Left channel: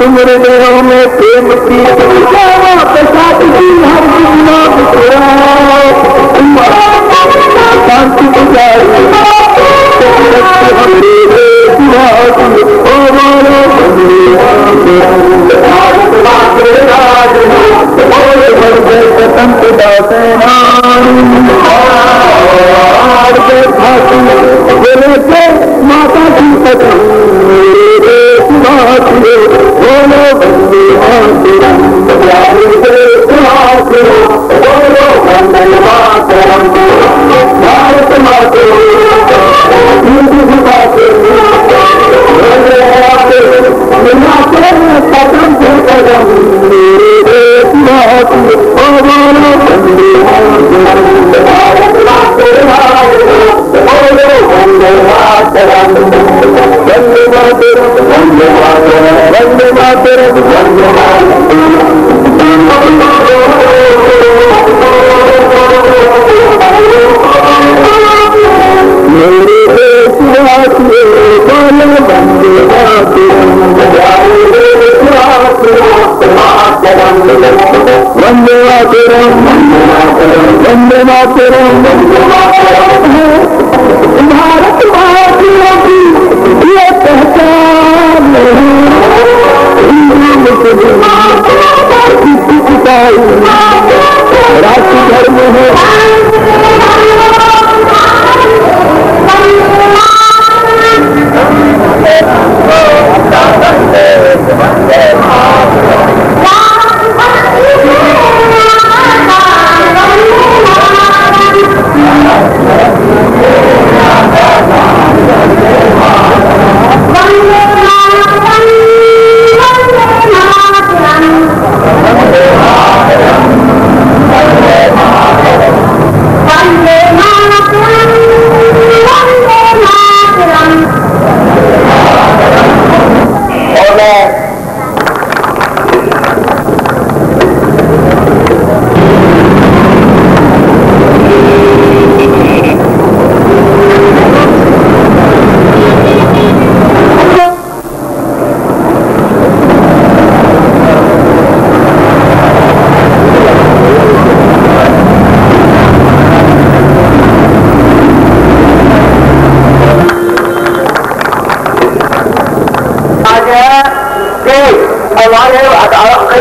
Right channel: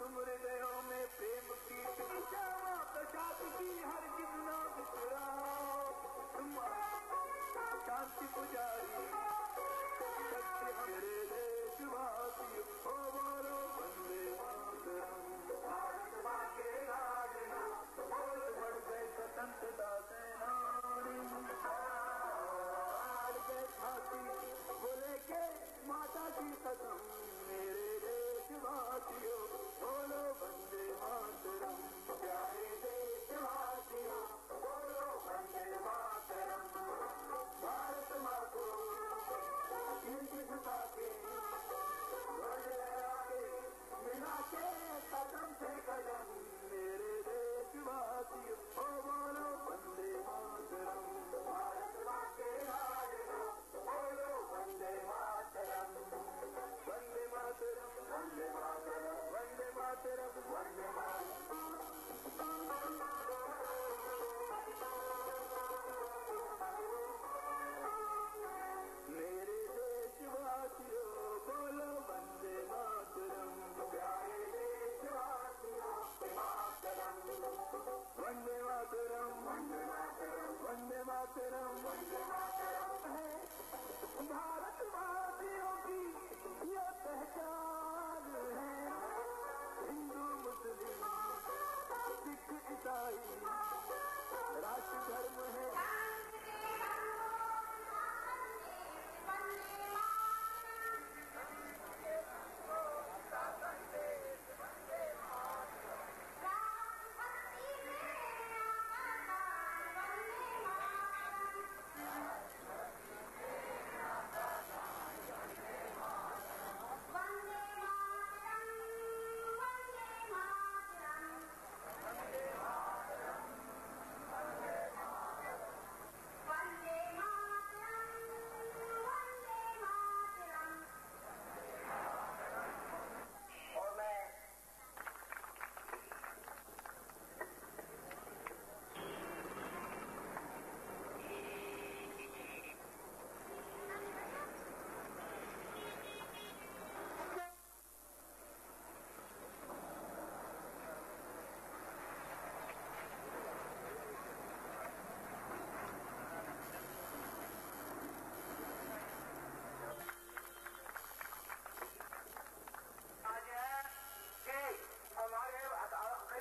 तुम्हारे देहों में प्रेम की प्रसाद की हर शांति गुजारी माता की पत्नी बोलो बंदे मातरम भारत माते कदम से कदम मेरे देश माती बोलो बंदे भारत माते बोलो बंदे मातरम वंदे मातरम वंदे मातरम वंदे मातरम वंदे मेरे देशवासियों बोलो वंदे मातरम वंदे मातरम वंदे मातरम भारत माता की ये पहचान हिंदू मुस्लिम ईसाई राष्ट्र धर्म है।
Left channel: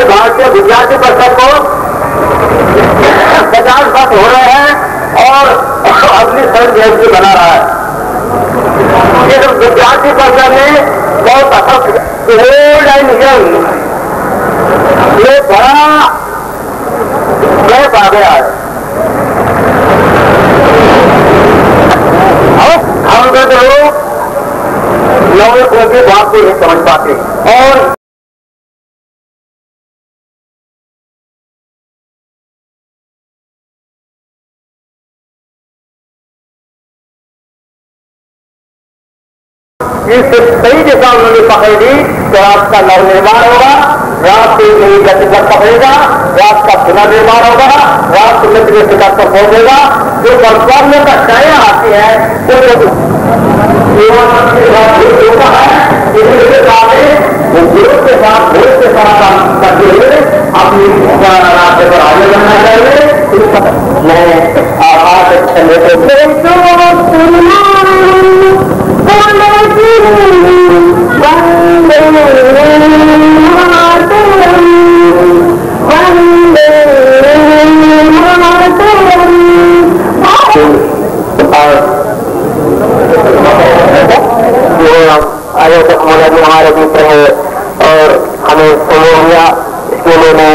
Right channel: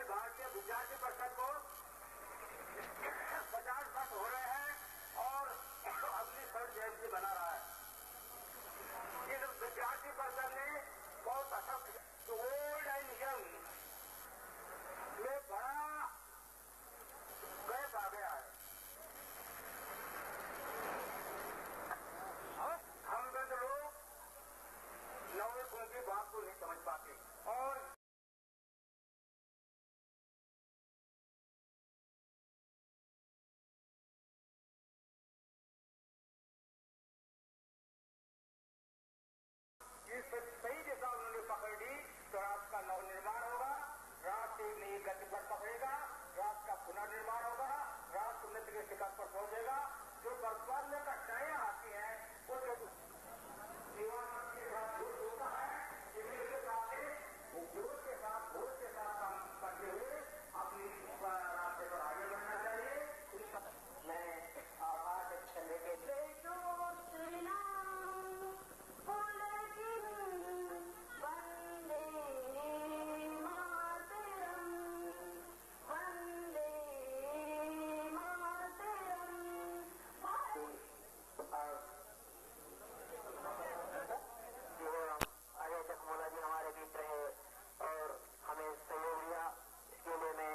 भारतीय विद्यार्थी परिषद को 50 वर्ष हो रहे हैं और अपनी स्वर्ण जयंती बना रहा है। इस विद्यार्थी परिषद में बहुत ओल्ड एंड यंग ये बड़ा गैप आ गया है। हम लोग नवे को की बात को नहीं समझ पाते और इस सही दिशा उन्होंने पकड़ी तो आपका नवनिर्माण होगा, राष्ट्र नई गति पर पकड़ेगा, राष्ट्र का पुनर्निर्माण होगा, राष्ट्र मित्र के शिखर पर पहुंचेगा। जो कर्तव्य का क्षय आती है वो गुरु के साथ काम करते हुए अपनी रास्ते पर आगे बढ़ना चाहिए। मैं आभार लेते आयोजक मौलाना हमारे मित्र है और हमें सहयोग दिया इसके लिए मैं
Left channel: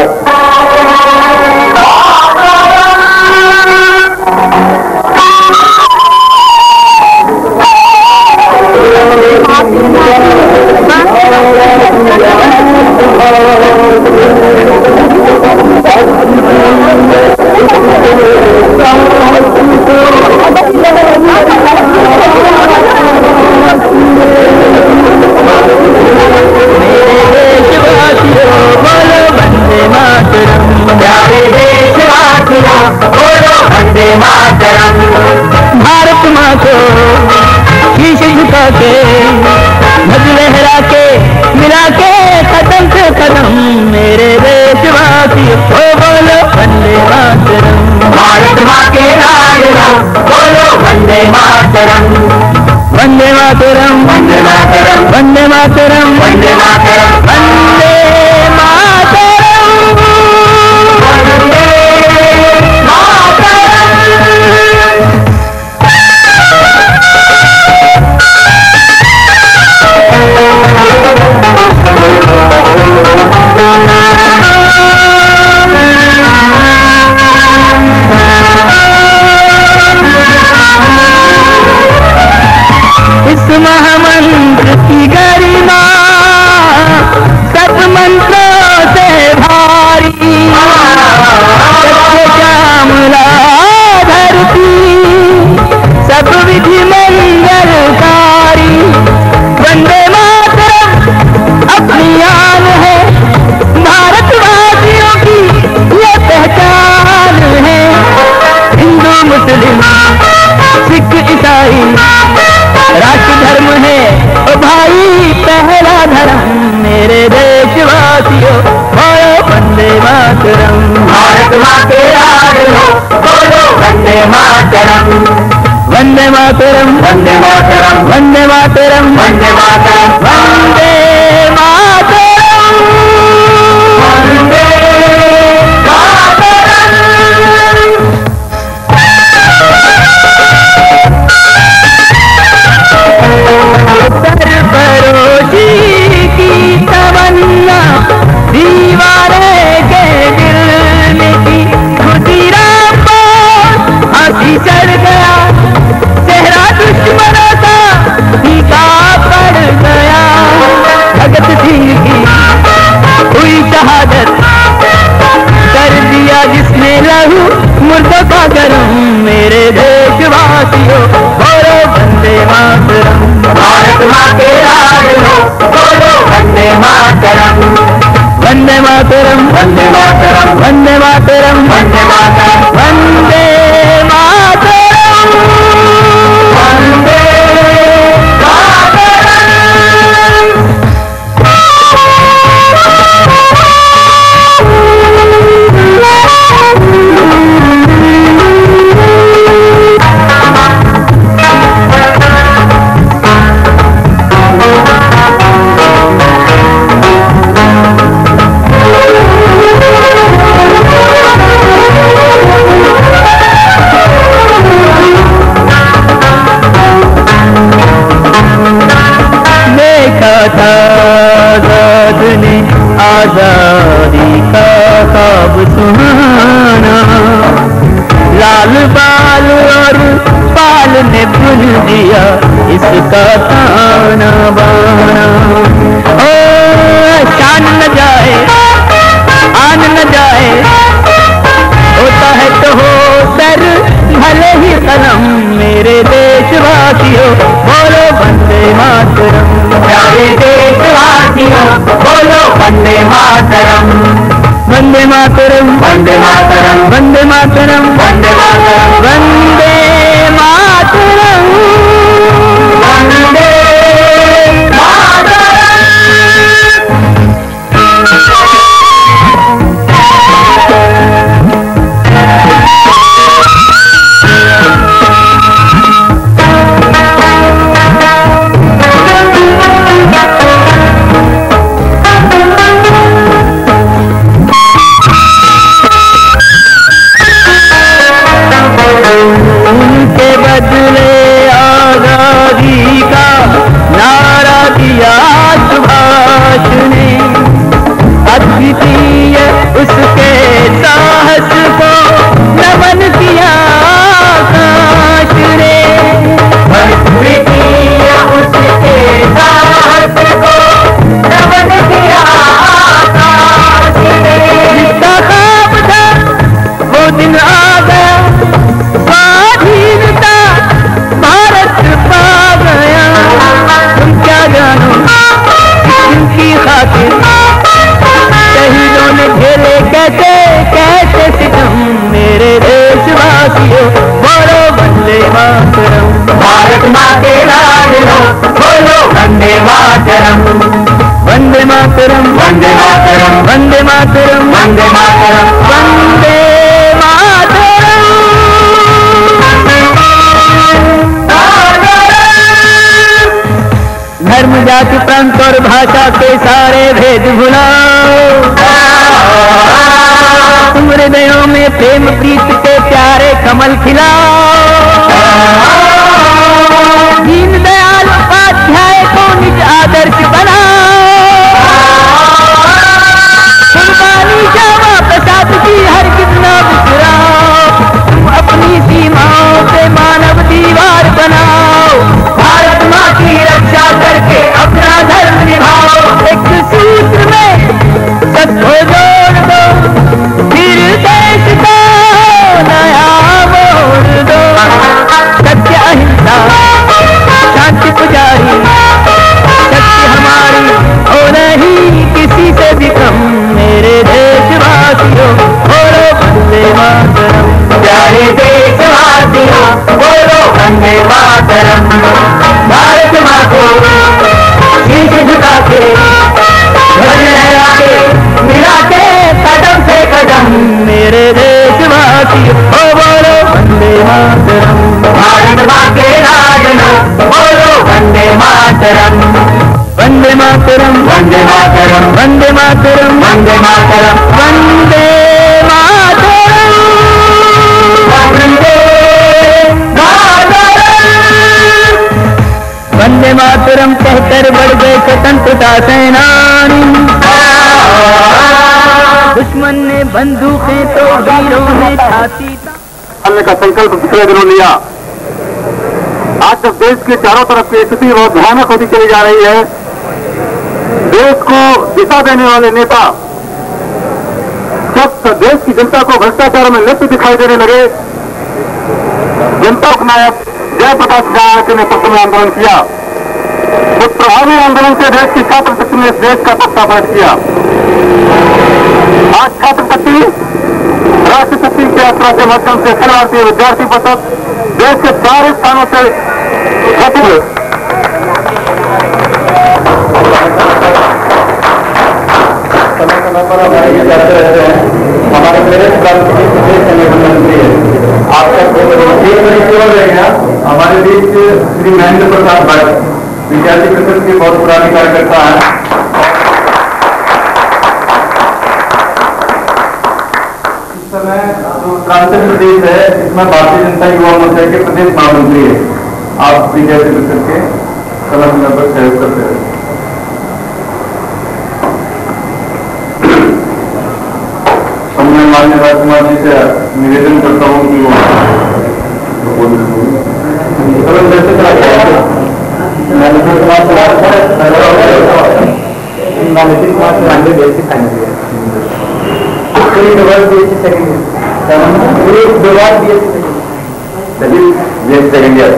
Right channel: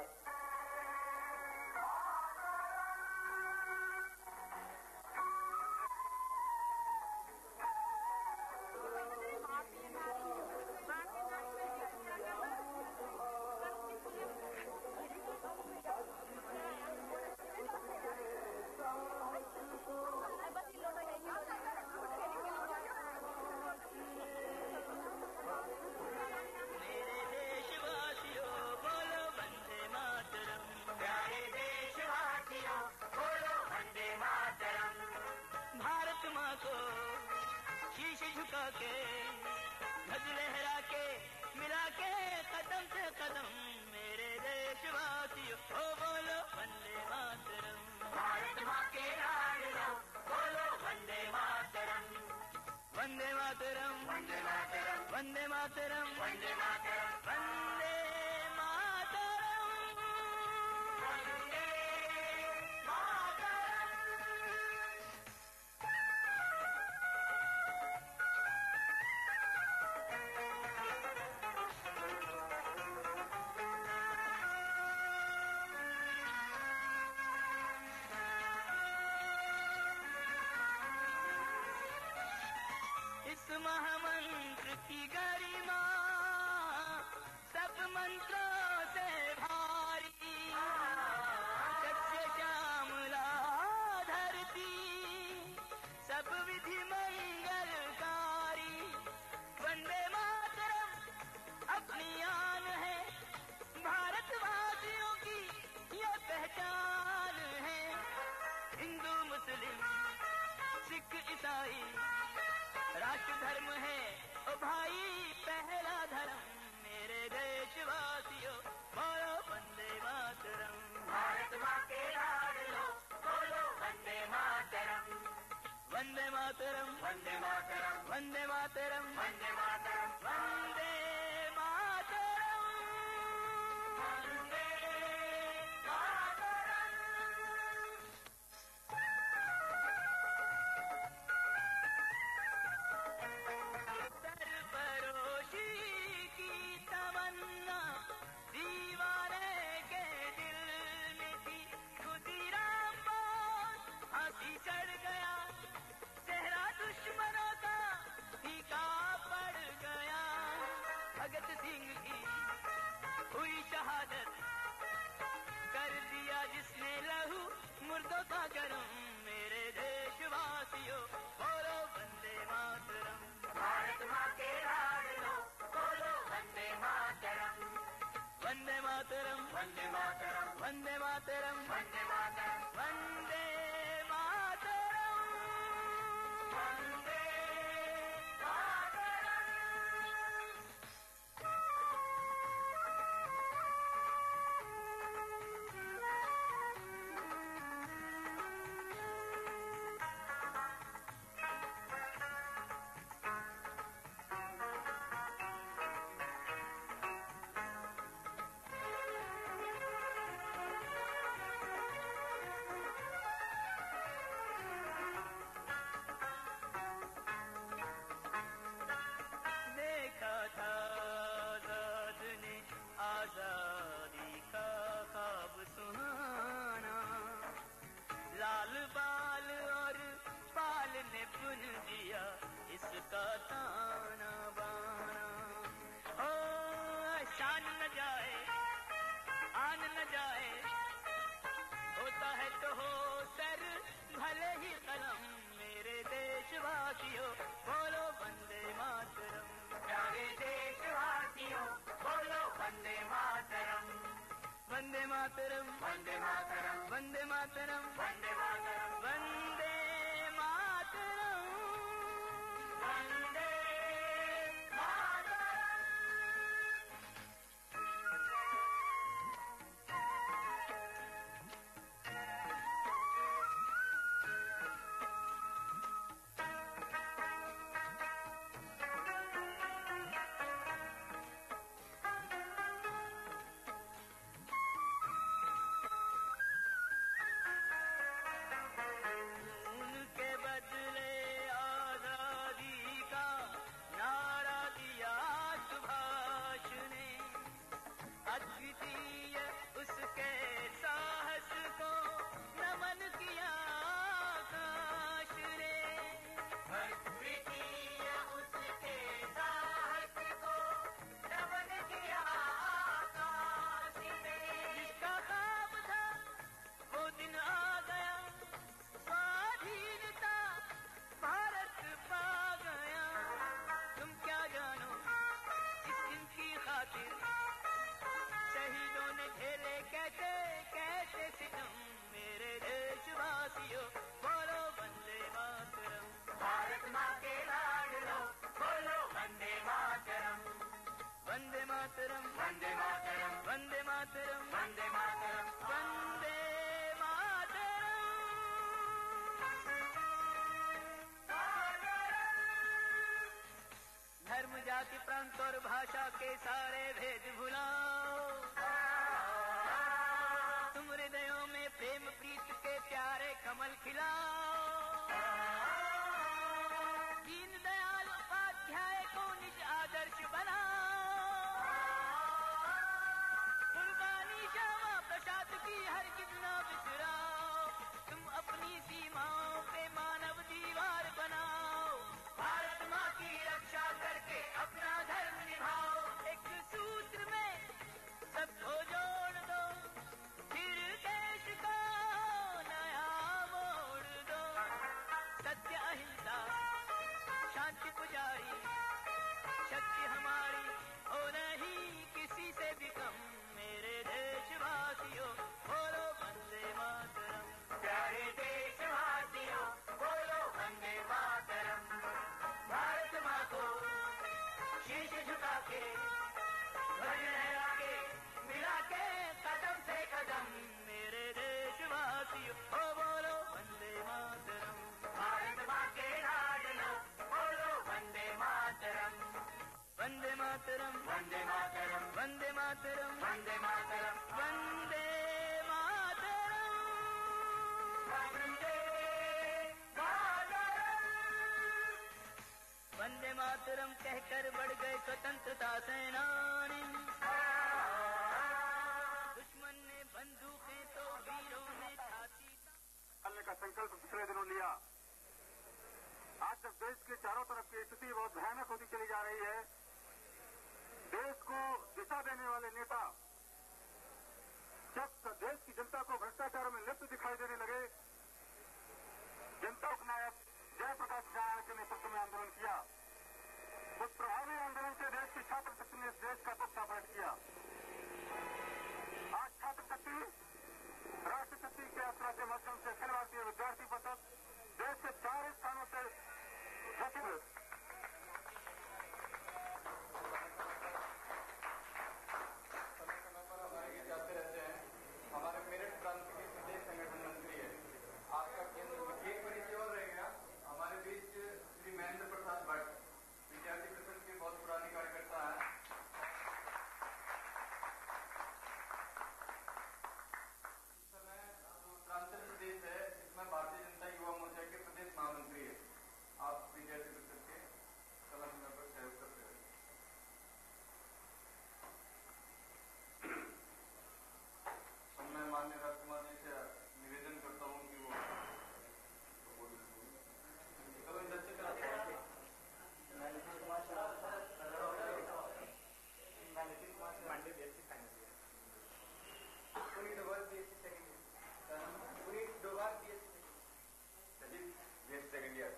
भारत माँ को शीश झुका के ध्वज लहरा के मिला के कदम से कदम मेरे देशवासियों हो बोलो वंदे मातरम। भारत माँ के लाडलो बोलो वंदे मातरम। वंदे मातरम वंदे मातरम वंदे मातरम वंदे मातरम वंदे मातरम वंदे मातरम। इस महामंत्र की गरिमा सब मंत्रों से भारी, सत्य श्यामला धरती सब विधि मंगलकारी। वंदे मातरम अपनी आन है, भारतवासियों की ये पहचान है। हिंदू मुस्लिम सिख ईसाई राष्ट्र धर्म है ओ भाई पहला धर्म मेरे देशवासियों बोलो वंदे मातरम। भारत माँ के लाडलो बोलो वंदे मातरम। वंदे मातरम वंदे मातरम वंदे मातरम वंदे मातरम वंदे मातरम वंदे मातरम। सरफरोशी की तमन्ना दीवारे के दिल में की, खुदीराम पर हंसी चढ़ गया, चेहरा दुश्मनों का फीका पड़ गया। भगत सिंह की हुई शहादत, कर दिया जिसने लहू मुर्दों का गरम मेरे देशवासियों बोलो वंदे मातरम। भारत माँ के लाडलो बोलो वंदे मातरम। वंदे मातरम वंदे मातरम वंदे मातरम वंदे मातरम वंदे मातरम वंदे आजाद ने आजादी का ख्वाब सुहाना, लाल बाल और पाल ने बुन दिया इसका ताना बाना। ओ शान न जाए आन न जाए, होता है तो हो सर भले ही कलम मेरे देशवासियों बोलो वंदे मातरम। प्यारे देशवासियों बोलो वंदे मातरम। वंदे मातरम वंदे मातरम वंदे मातरम वंदे मातरम वंदे मातरम वंदे मातरम। वंदे मातरम, वंदे मातरम, वंदे मातरम, वंदे मातरम। धर्म जाति प्रांत और भाषा के सारे भेद भुलाओ, तुम हृदयों में प्रेम प्रीत के प्यारे कमल खिलाओ। दीन दयाल उपाध्याय को निज आदर्श बनाओ, कुर्बानी श्यामा प्रसाद की हर कितना बिसराओ। तुम अपनी सीमाओं पे मानव दीवार बनाओ, भारत माँ की रक्षा करके अपना धर्म निभाओ। एक सूत्र में सबको जोड़ दो, फिर देश को नया मोड़ दो। सत्य अहिंसा शांति पुजारी, शक्ति हमारी हो नहीं किसी से भी कम। मेरे देशवासियों बोलो वंदे मातरम, प्यारे देशवासियों बोलो वंदे मातरम। भारत माँ को शीश झुका के ध्वज लहरा के मिलाते कदम से कदम। मेरे देशवासियों बोलो वंदे मातरम। भारत माँ के राजनो बोलो वंदे मातरम, वंदे मातरम, वंदे मातरम, वंदे मातरम, वंदे मातरम, वंदे मातरम। वंदे मातरम कहकर बढ़ गए स्वतंत्रता सेनानी, दुश्मन ने बंदूकें तो वीरों ने छाती हमने का संकल्प पिछले दिनों लिया। आज जब देश के चारों तरफ की स्थिति बहुत भयानक होती चली जा रही है, देश को दिशा देने वाले नेता जब देश की जनता को भ्रष्टाचार में लिप्त दिखाई देने लगे, जनता नायक जयप्रकाश नारायण के नेतृत्व में आंदोलन किया। उस प्रभावी आंदोलन से देश की छात्र शक्ति ने इस देश का पर्दाफाश किया। आज छात्र शक्ति राष्ट्र शक्ति की यात्रा के माध्यम से अखिल भारतीय विद्यार्थी परिषद देश के सारे स्थानों से समय समय पर हमारे ये जाते रहते हैं। हमारे मेरे प्रदेश संगठन मंत्री है आपका केवल रहेगा। हमारे बीच श्री महेंद्र प्रसाद भाई विद्यार्थी परिषद के बहुत पुराने कार्यकर्ता है। इस समय जो उत्तरांचल प्रदेश है इसमें भारतीय जनता युवा मोर्चा के प्रदेश महामंत्री है। आप विद्यार्थी परिषद के समय समय पर सहयोग करते हैं। मैं माननीय राजकुमार जी से निवेदन करता हूँ कि सेकेंड ईयर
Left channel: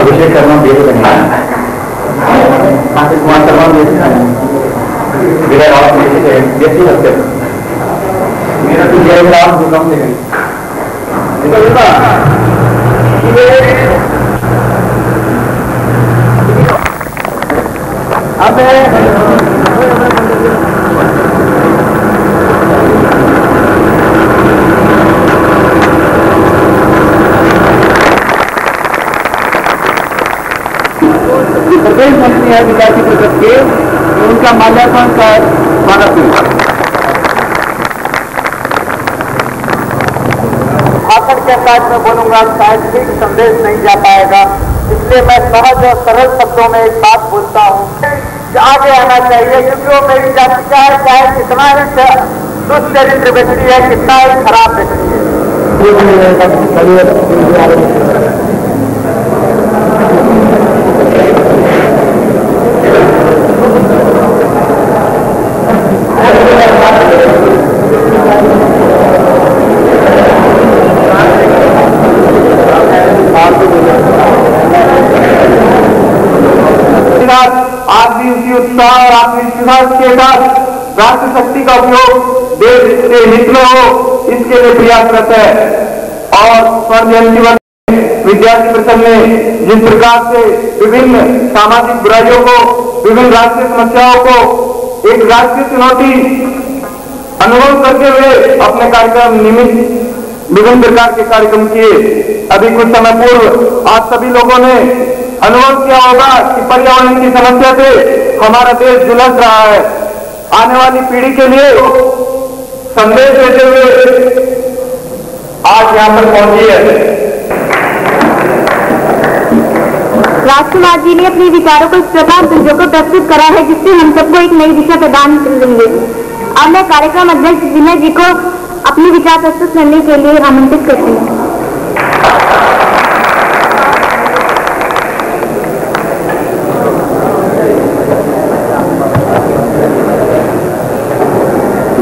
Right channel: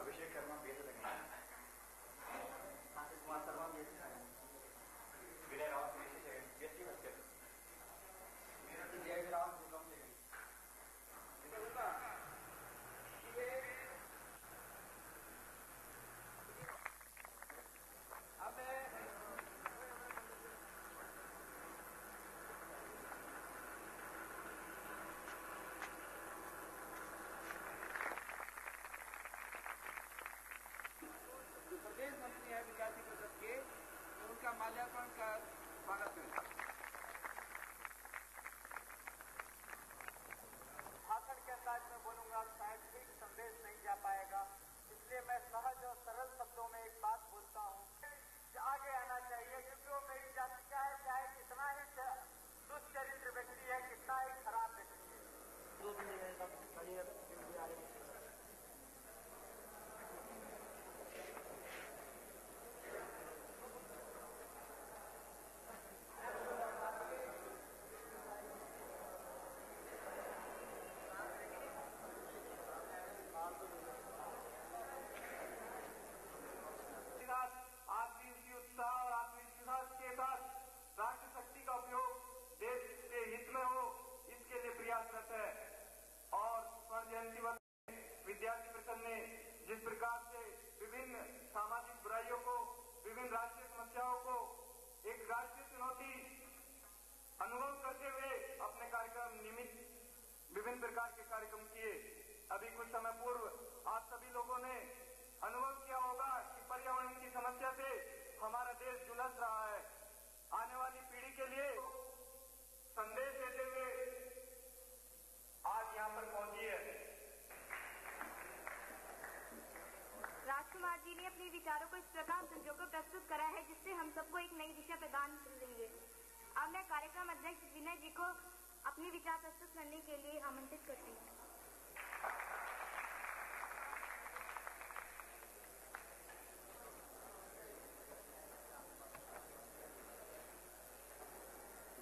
अभिषेक शर्मा कुमार शर्मा विजय रावत मेरा तो जय राम जो कम से प्रदेश मंत्री है विद्यार्थी परिषद के, उनका माल्यार्पण का मानस भाषण के अंदाज में बोलूंगा, शायद ठीक संदेश नहीं जा पाएगा, इसलिए मैं सहज और सरल शब्दों में एक बात बोलता हूँ कि आगे आना चाहिए, क्योंकि वो मेरी जाति का है, चाहे कितना ही दुष्चरित्र व्यक्ति है, कितना ही खराब व्यक्ति है। आदमी उसी उत्साह और आत्मविश्वास के साथ राष्ट्र शक्ति का उपयोग देश के हित में हो, इसके लिए प्रयासरत है। और स्वर्ण जयंती विद्यार्थी परिषद ने जिस प्रकार से विभिन्न सामाजिक बुराइयों को, विभिन्न राष्ट्रीय समस्याओं को एक राष्ट्रीय चुनौती अनुभव करते हुए अपने कार्यक्रम नियमित विभिन्न प्रकार के कार्यक्रम किए। अभी कुछ समय पूर्व आप सभी लोगों ने अनुभव किया होगा कि पर्यावरण की समस्या से हमारा देश जुलझ रहा है। आने वाली पीढ़ी के लिए संदेश देते हुए आज यहां पर पहुंची है। राजकुमार जी ने अपने विचारों को इस प्रकार संजोकर प्रस्तुत करा है जिससे हम सबको एक नई दिशा प्रदान करेंगे। अब मैं कार्यक्रम अध्यक्ष विनय जी को अपने विचार प्रस्तुत करने के लिए आमंत्रित करती हूँ।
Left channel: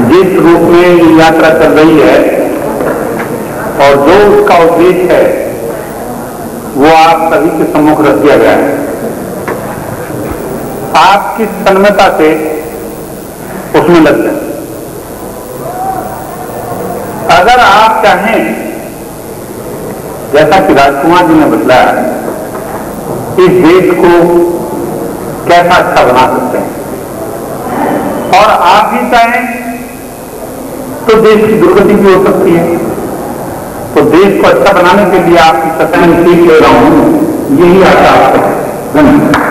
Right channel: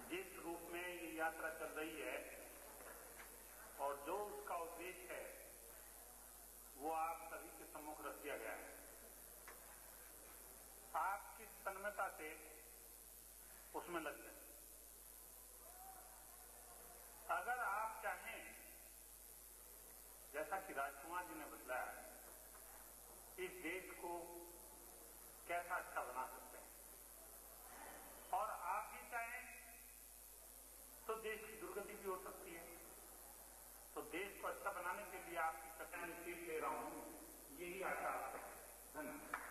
जिस रूप में ये यात्रा चल रही है और जो उसका उद्देश्य है वो आप सभी के सम्मुख रख दिया गया है। आप किस तन्मयता से उसमें लग जाए। अगर आप चाहें, जैसा कि राजकुमार जी ने बतलाया, इस देश को कैसा अच्छा बना सकते हैं और आप भी चाहें तो देश की दुर्गति भी हो सकती है। तो देश को अच्छा बनाने के लिए आपकी सत्ता में सीख ले रहा हूं, यही आशा आपका है। धन्यवाद।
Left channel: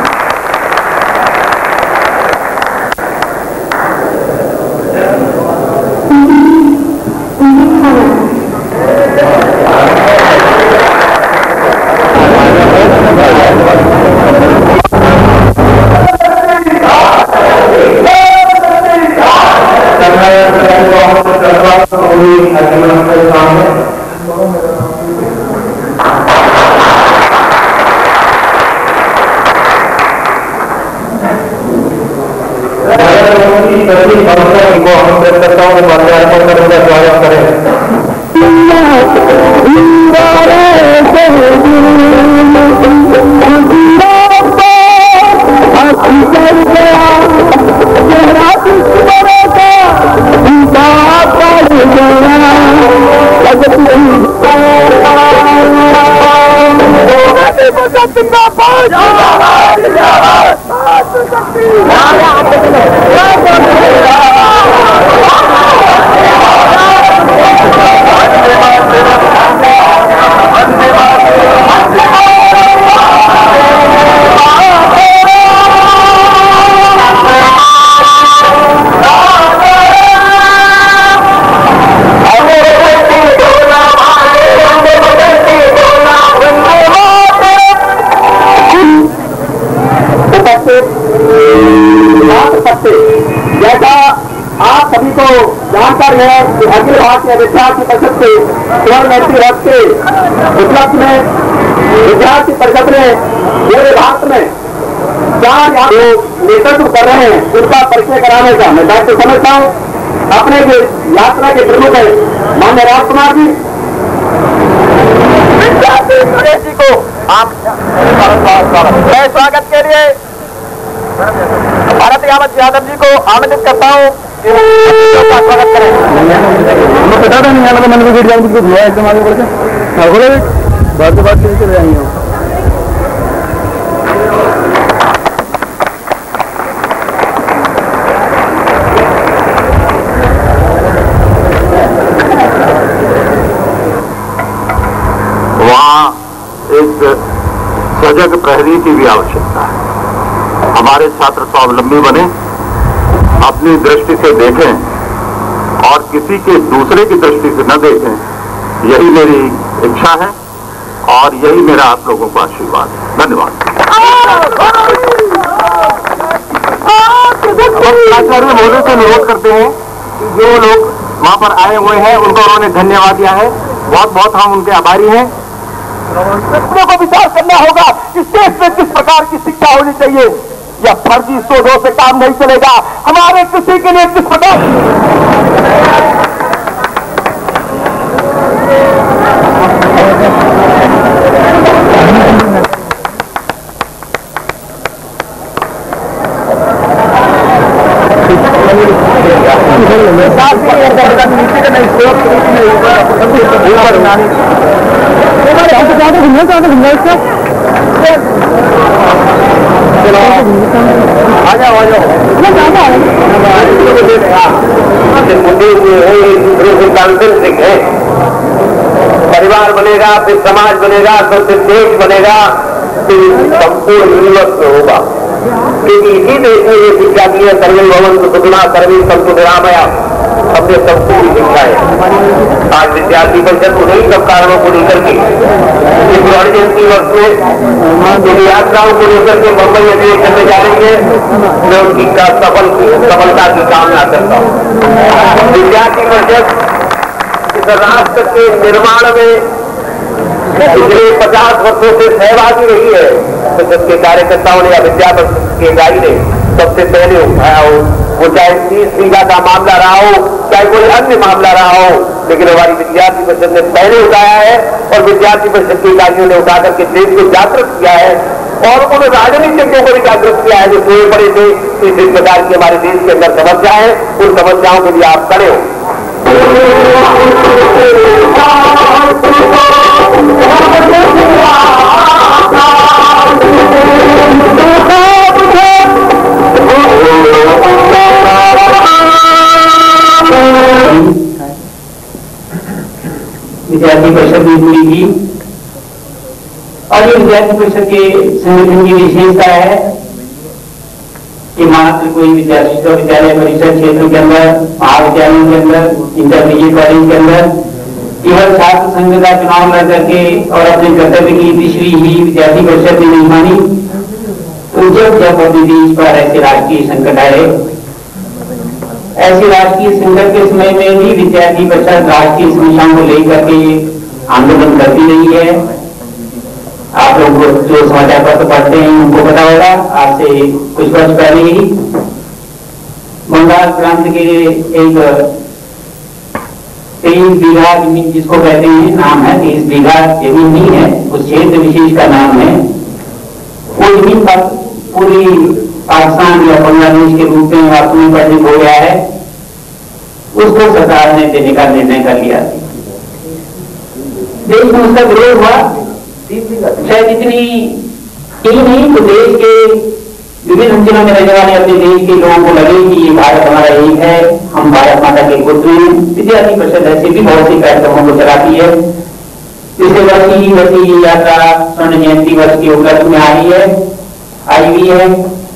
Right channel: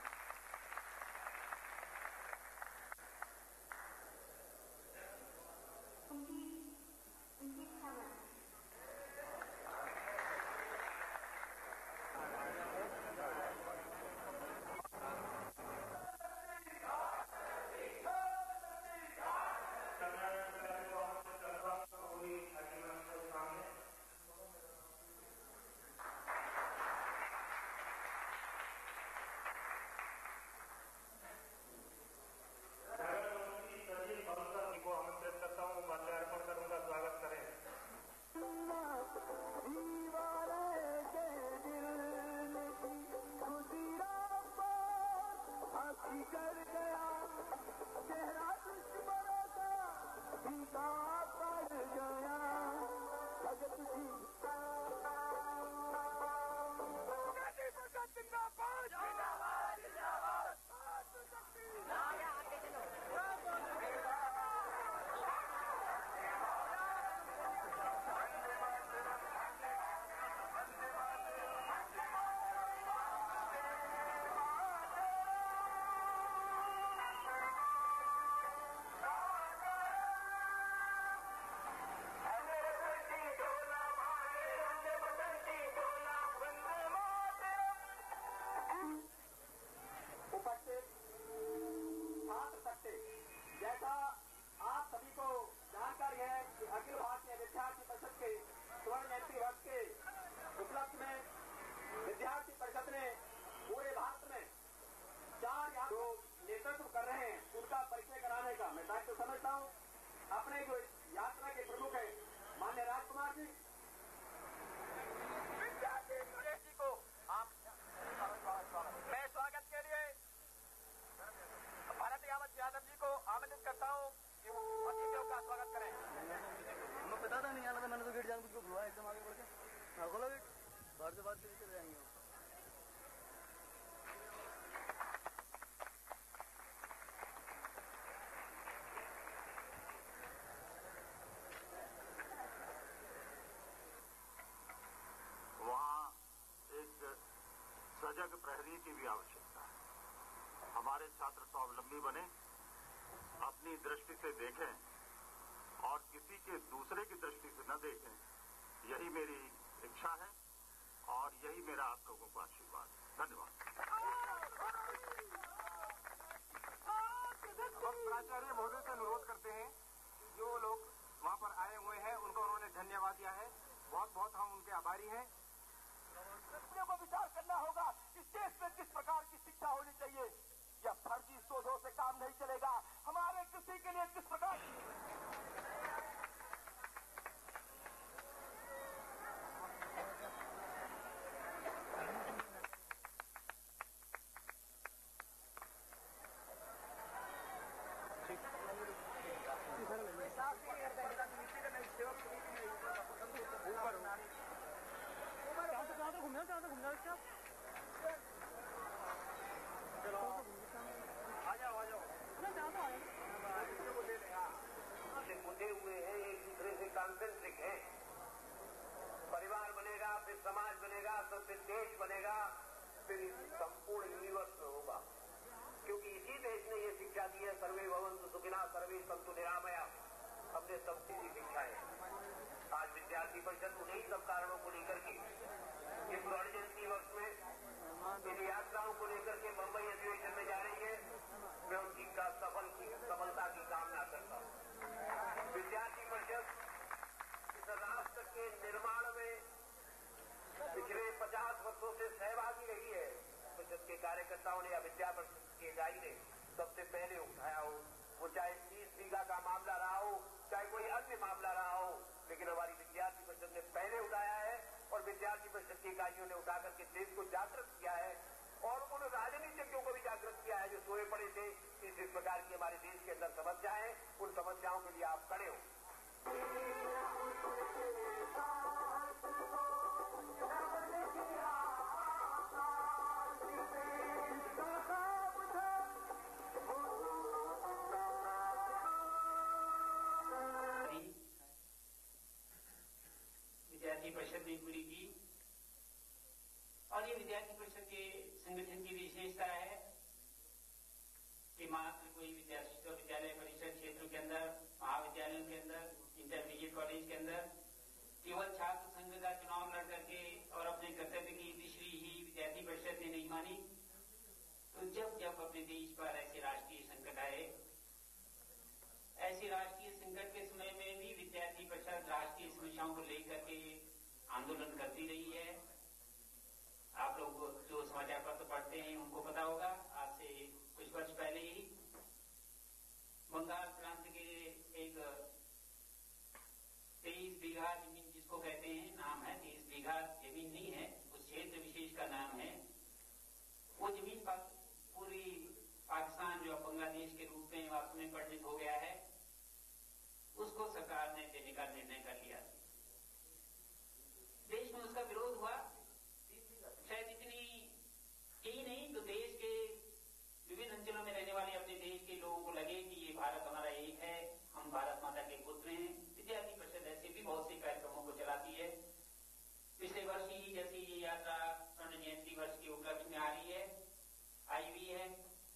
जैसा आप सभी को जानकारी है कि अखिल भारतीय विद्यार्थी परिषद के स्वर्ण जयंती वर्ष के उपलक्ष्य में विद्यार्थी परिषद ने पूरे भारत में 4 नेतृत्व कर रहे हैं, उनका परिचय कराने का मैं दायित्व समझता हूँ। अपने जो यात्रा के प्रमुख है माननीय राजकुमार जी, विद्यार्थी गणेश जी को आप मैं स्वागत के लिए भारत यावत यादव जी को आमंत्रित करता हूँ कि स्वागत करें। बता दें नहीं आना मन में जाऊँ कुछ हुआ एकदम आगे बढ़ के बात चले जाएंगे। वहाँ एक सजग प्रहरी की भी आवश्यकता है। हमारे छात्र स्वावलंबी बने, अपनी दृष्टि से देखें और किसी के दूसरे की दृष्टि से न देखें, यही मेरी इच्छा है और यही मेरा आप लोगों को आशीर्वाद है। धन्यवाद। आचार्य महोदय से अनुरोध करते हैं कि जो लोग वहां पर आए हुए हैं उनको उन्होंने धन्यवाद दिया है, बहुत बहुत हम उनके आभारी हैं। बच्चों को विचार करना होगा कि देश में किस प्रकार की शिक्षा होनी चाहिए। या फर्जी सोचों से काम नहीं चलेगा। हमारे किसी के लिए किस प्रकार परिवार बनेगा, फिर समाज बनेगा, फिर देश बनेगा, फिर संपूर्ण यूनिवर्स में होगा। क्योंकि इसी देश में ये शिक्षा दी है, सर्वे भवन्तु सुखिनः सर्वे सन्तु निरामया, हमने सबको भी शिक्षा है। आज विद्यार्थी परिषद उन्हीं सब कारणों को लेकर के इस स्वर्ण जयंती वर्ष में यात्राओं को लेकर के मुंबई अधिवेशन में जा रही है। मैं उनकी सफलता की कामना करता हूँ। विद्यार्थी परिषद इस राष्ट्र के निर्माण में पिछले 50 वर्षों से सहभागी रही है। परिषद के कार्यकर्ताओं ने या विद्या परिषद के इकाई ने सबसे पहले उठाया हो, वो चाहे 30 बीघा का मामला रहा हो, चाहे कोई अन्य मामला रहा हो, लेकिन हमारी विद्यार्थी परिषद ने पहले उठाया है और विद्यार्थी परिषद की इकाइयों ने उठा करके देश को जागृत किया है और उन राजनीतिज्ञों को भी जागृत किया है जो सोए पड़े थे। इस प्रकार की हमारे देश के अंदर समस्या है, उन समस्याओं के लिए आप खड़े हो। विद्यार्थी परिषद भी पूरी की और ये विद्यार्थी परिषद के संगठन की विशेषता है कि मात्र कोई विद्यालय परिषद क्षेत्र के अंदर, महाविद्यालयों के अंदर, इंटरमीडिएट कॉलेज के अंदर केवल छात्र संघ का चुनाव लड़ करके और अपने कर्तव्य की तीसरी ही विद्यार्थी परिषद ने नहीं मानी। तो जब अपने देश पर ऐसे राष्ट्रीय संकट आए, ऐसे राष्ट्रीय संकट के समय में भी विद्यार्थी परिषद राष्ट्रीय समस्याओं को लेकर के आंदोलन करती रही है। आप लोग जो समाचार पत्र पढ़ते हैं उनको पता होगा, आज से कुछ वर्ष पहले ही बंगाल प्रांत के एक 23 बीघा जमीन जिसको कहते हैं, नाम है 23 बीघा जमीन नहीं है, उस क्षेत्र विशेष का नाम है, वो जमीन पर पूरी पाकिस्तान या बांग्लादेश के रूप में अपनी परिणित हो गया है। उसको सरकार ने देने का निर्णय कर लिया। देश में उसका विरोध हुआ, शायद इतनी ही नहीं तो देश के विभिन्न अंचलों में रहने वाले अपने देश के लोगों को लगे कि ये भारत हमारा एक है, हम भारत माता के पुत्र हैं। विद्यार्थी परिषद ऐसे भी बहुत से कार्यक्रमों को चलाती है। पिछले वर्ष ही यात्रा स्वर्ण जयंती वर्ष के उपलक्ष्य में आई हुई है।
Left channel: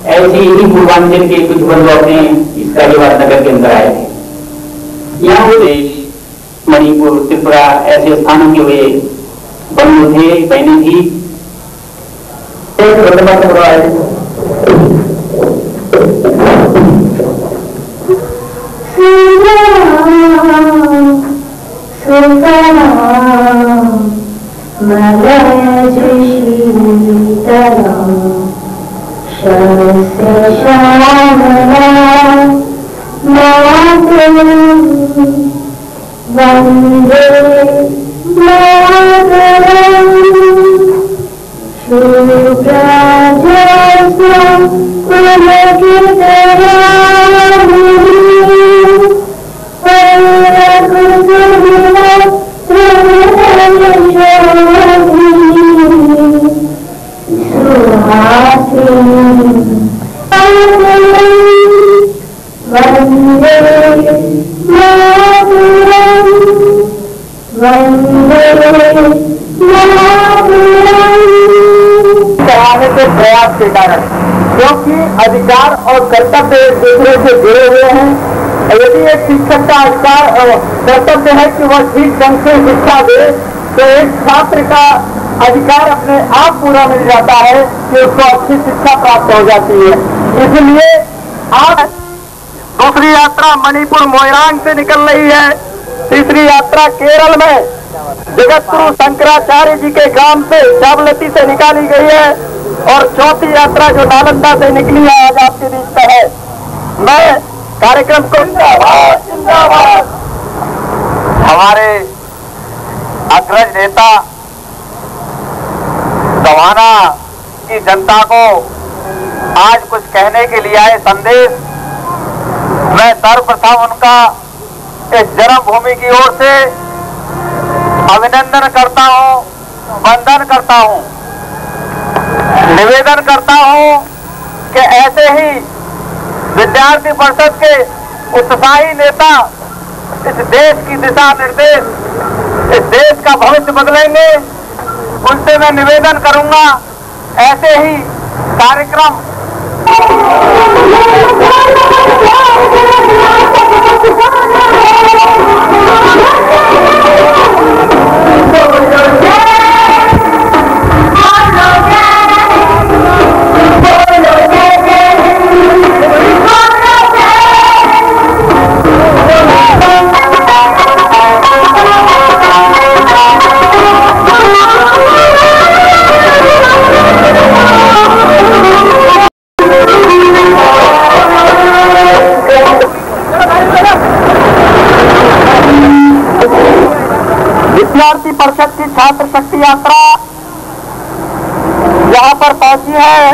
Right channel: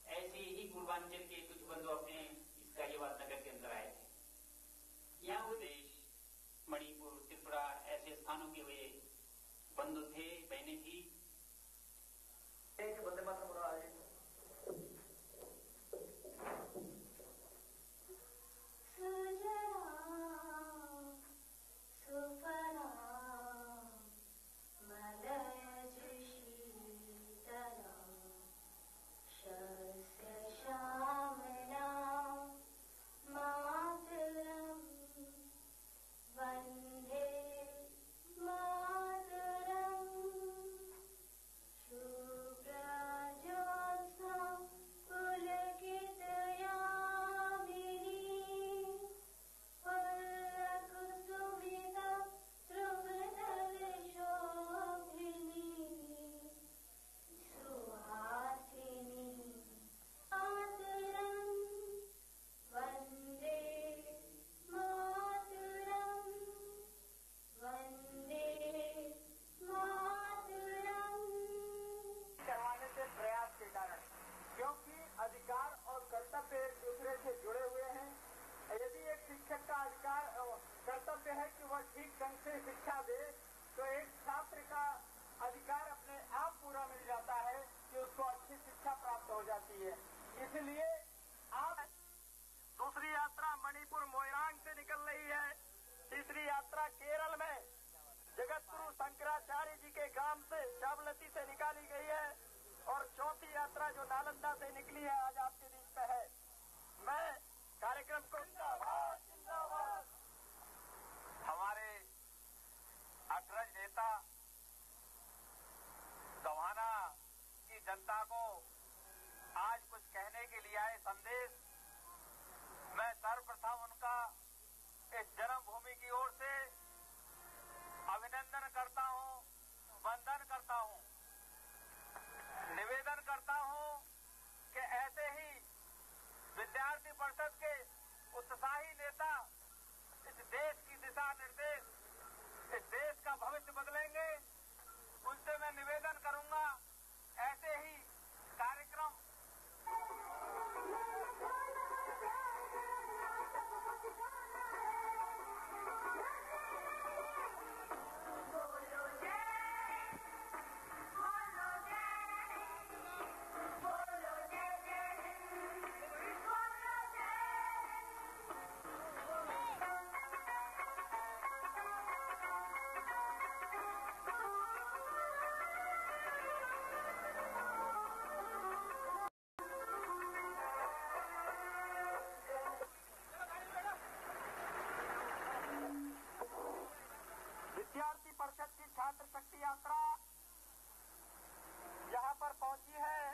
ऐसे ही पूर्वांचल के कुछ बंधु अपने इस गाजियाबाद नगर के अंदर आए थे। यहाँ देश मणिपुर, त्रिपुरा ऐसे स्थानों के हुए बंधु थे, बहनें थी। कराने के प्रयास के कारण, क्योंकि अधिकार और कर्तव्य एक दूसरे से जुड़े हुए हैं। यदि एक शिक्षक का अधिकार और कर्तव्य है कि वह ठीक ढंग से शिक्षा दे, तो एक छात्र का अधिकार अपने आप पूरा मिल जाता है कि उसको अच्छी शिक्षा प्राप्त हो जाती है। इसलिए आज दूसरी यात्रा मणिपुर मोइरांग से निकल रही है, तीसरी यात्रा केरल में जगतगुरु शंकराचार्य जी के ग्राम से जावलती से निकाली गई है और चौथी यात्रा जो नालंदा से निकली है आज आपके बीच में है। मैं कार्यक्रम को जिंदाबाद हमारे अग्रज नेता सवाना की जनता को आज कुछ कहने के लिए आए संदेश मैं सर्वप्रथम उनका इस जन्मभूमि की ओर से अभिनंदन करता हूं, वंदन करता हूं, निवेदन करता हूं कि ऐसे ही विद्यार्थी परिषद के उत्साही नेता इस देश की दिशा निर्देश, इस देश का भविष्य बदलेंगे। उनसे मैं निवेदन करूंगा ऐसे ही कार्यक्रम विद्यार्थी परिषद की छात्र शक्ति यात्रा यहाँ पर पहुंची है।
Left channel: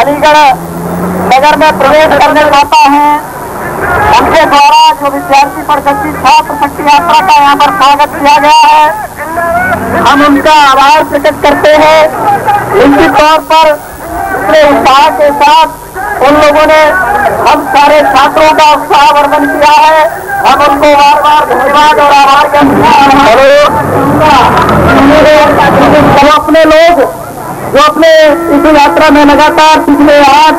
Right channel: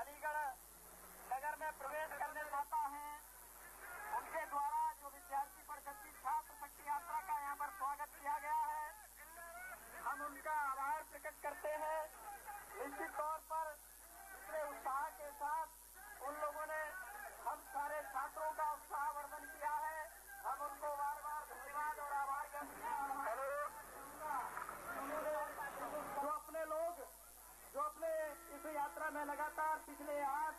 अलीगढ़ नगर में प्रवेश करने चाहता है। उनके द्वारा जो विद्यार्थी परिषद की छात्र शक्ति यात्रा का यहाँ पर स्वागत किया गया है, हम उनका आभार प्रकट करते हैं। निश्चित तौर पर इतने उत्साह के साथ उन लोगों ने हम सारे छात्रों का उत्साहवर्धन किया है। हम उनको बार बार धन्यवाद और आभार करते हैं। तो अपने लोग जो अपने इस यात्रा में लगातार पिछले 8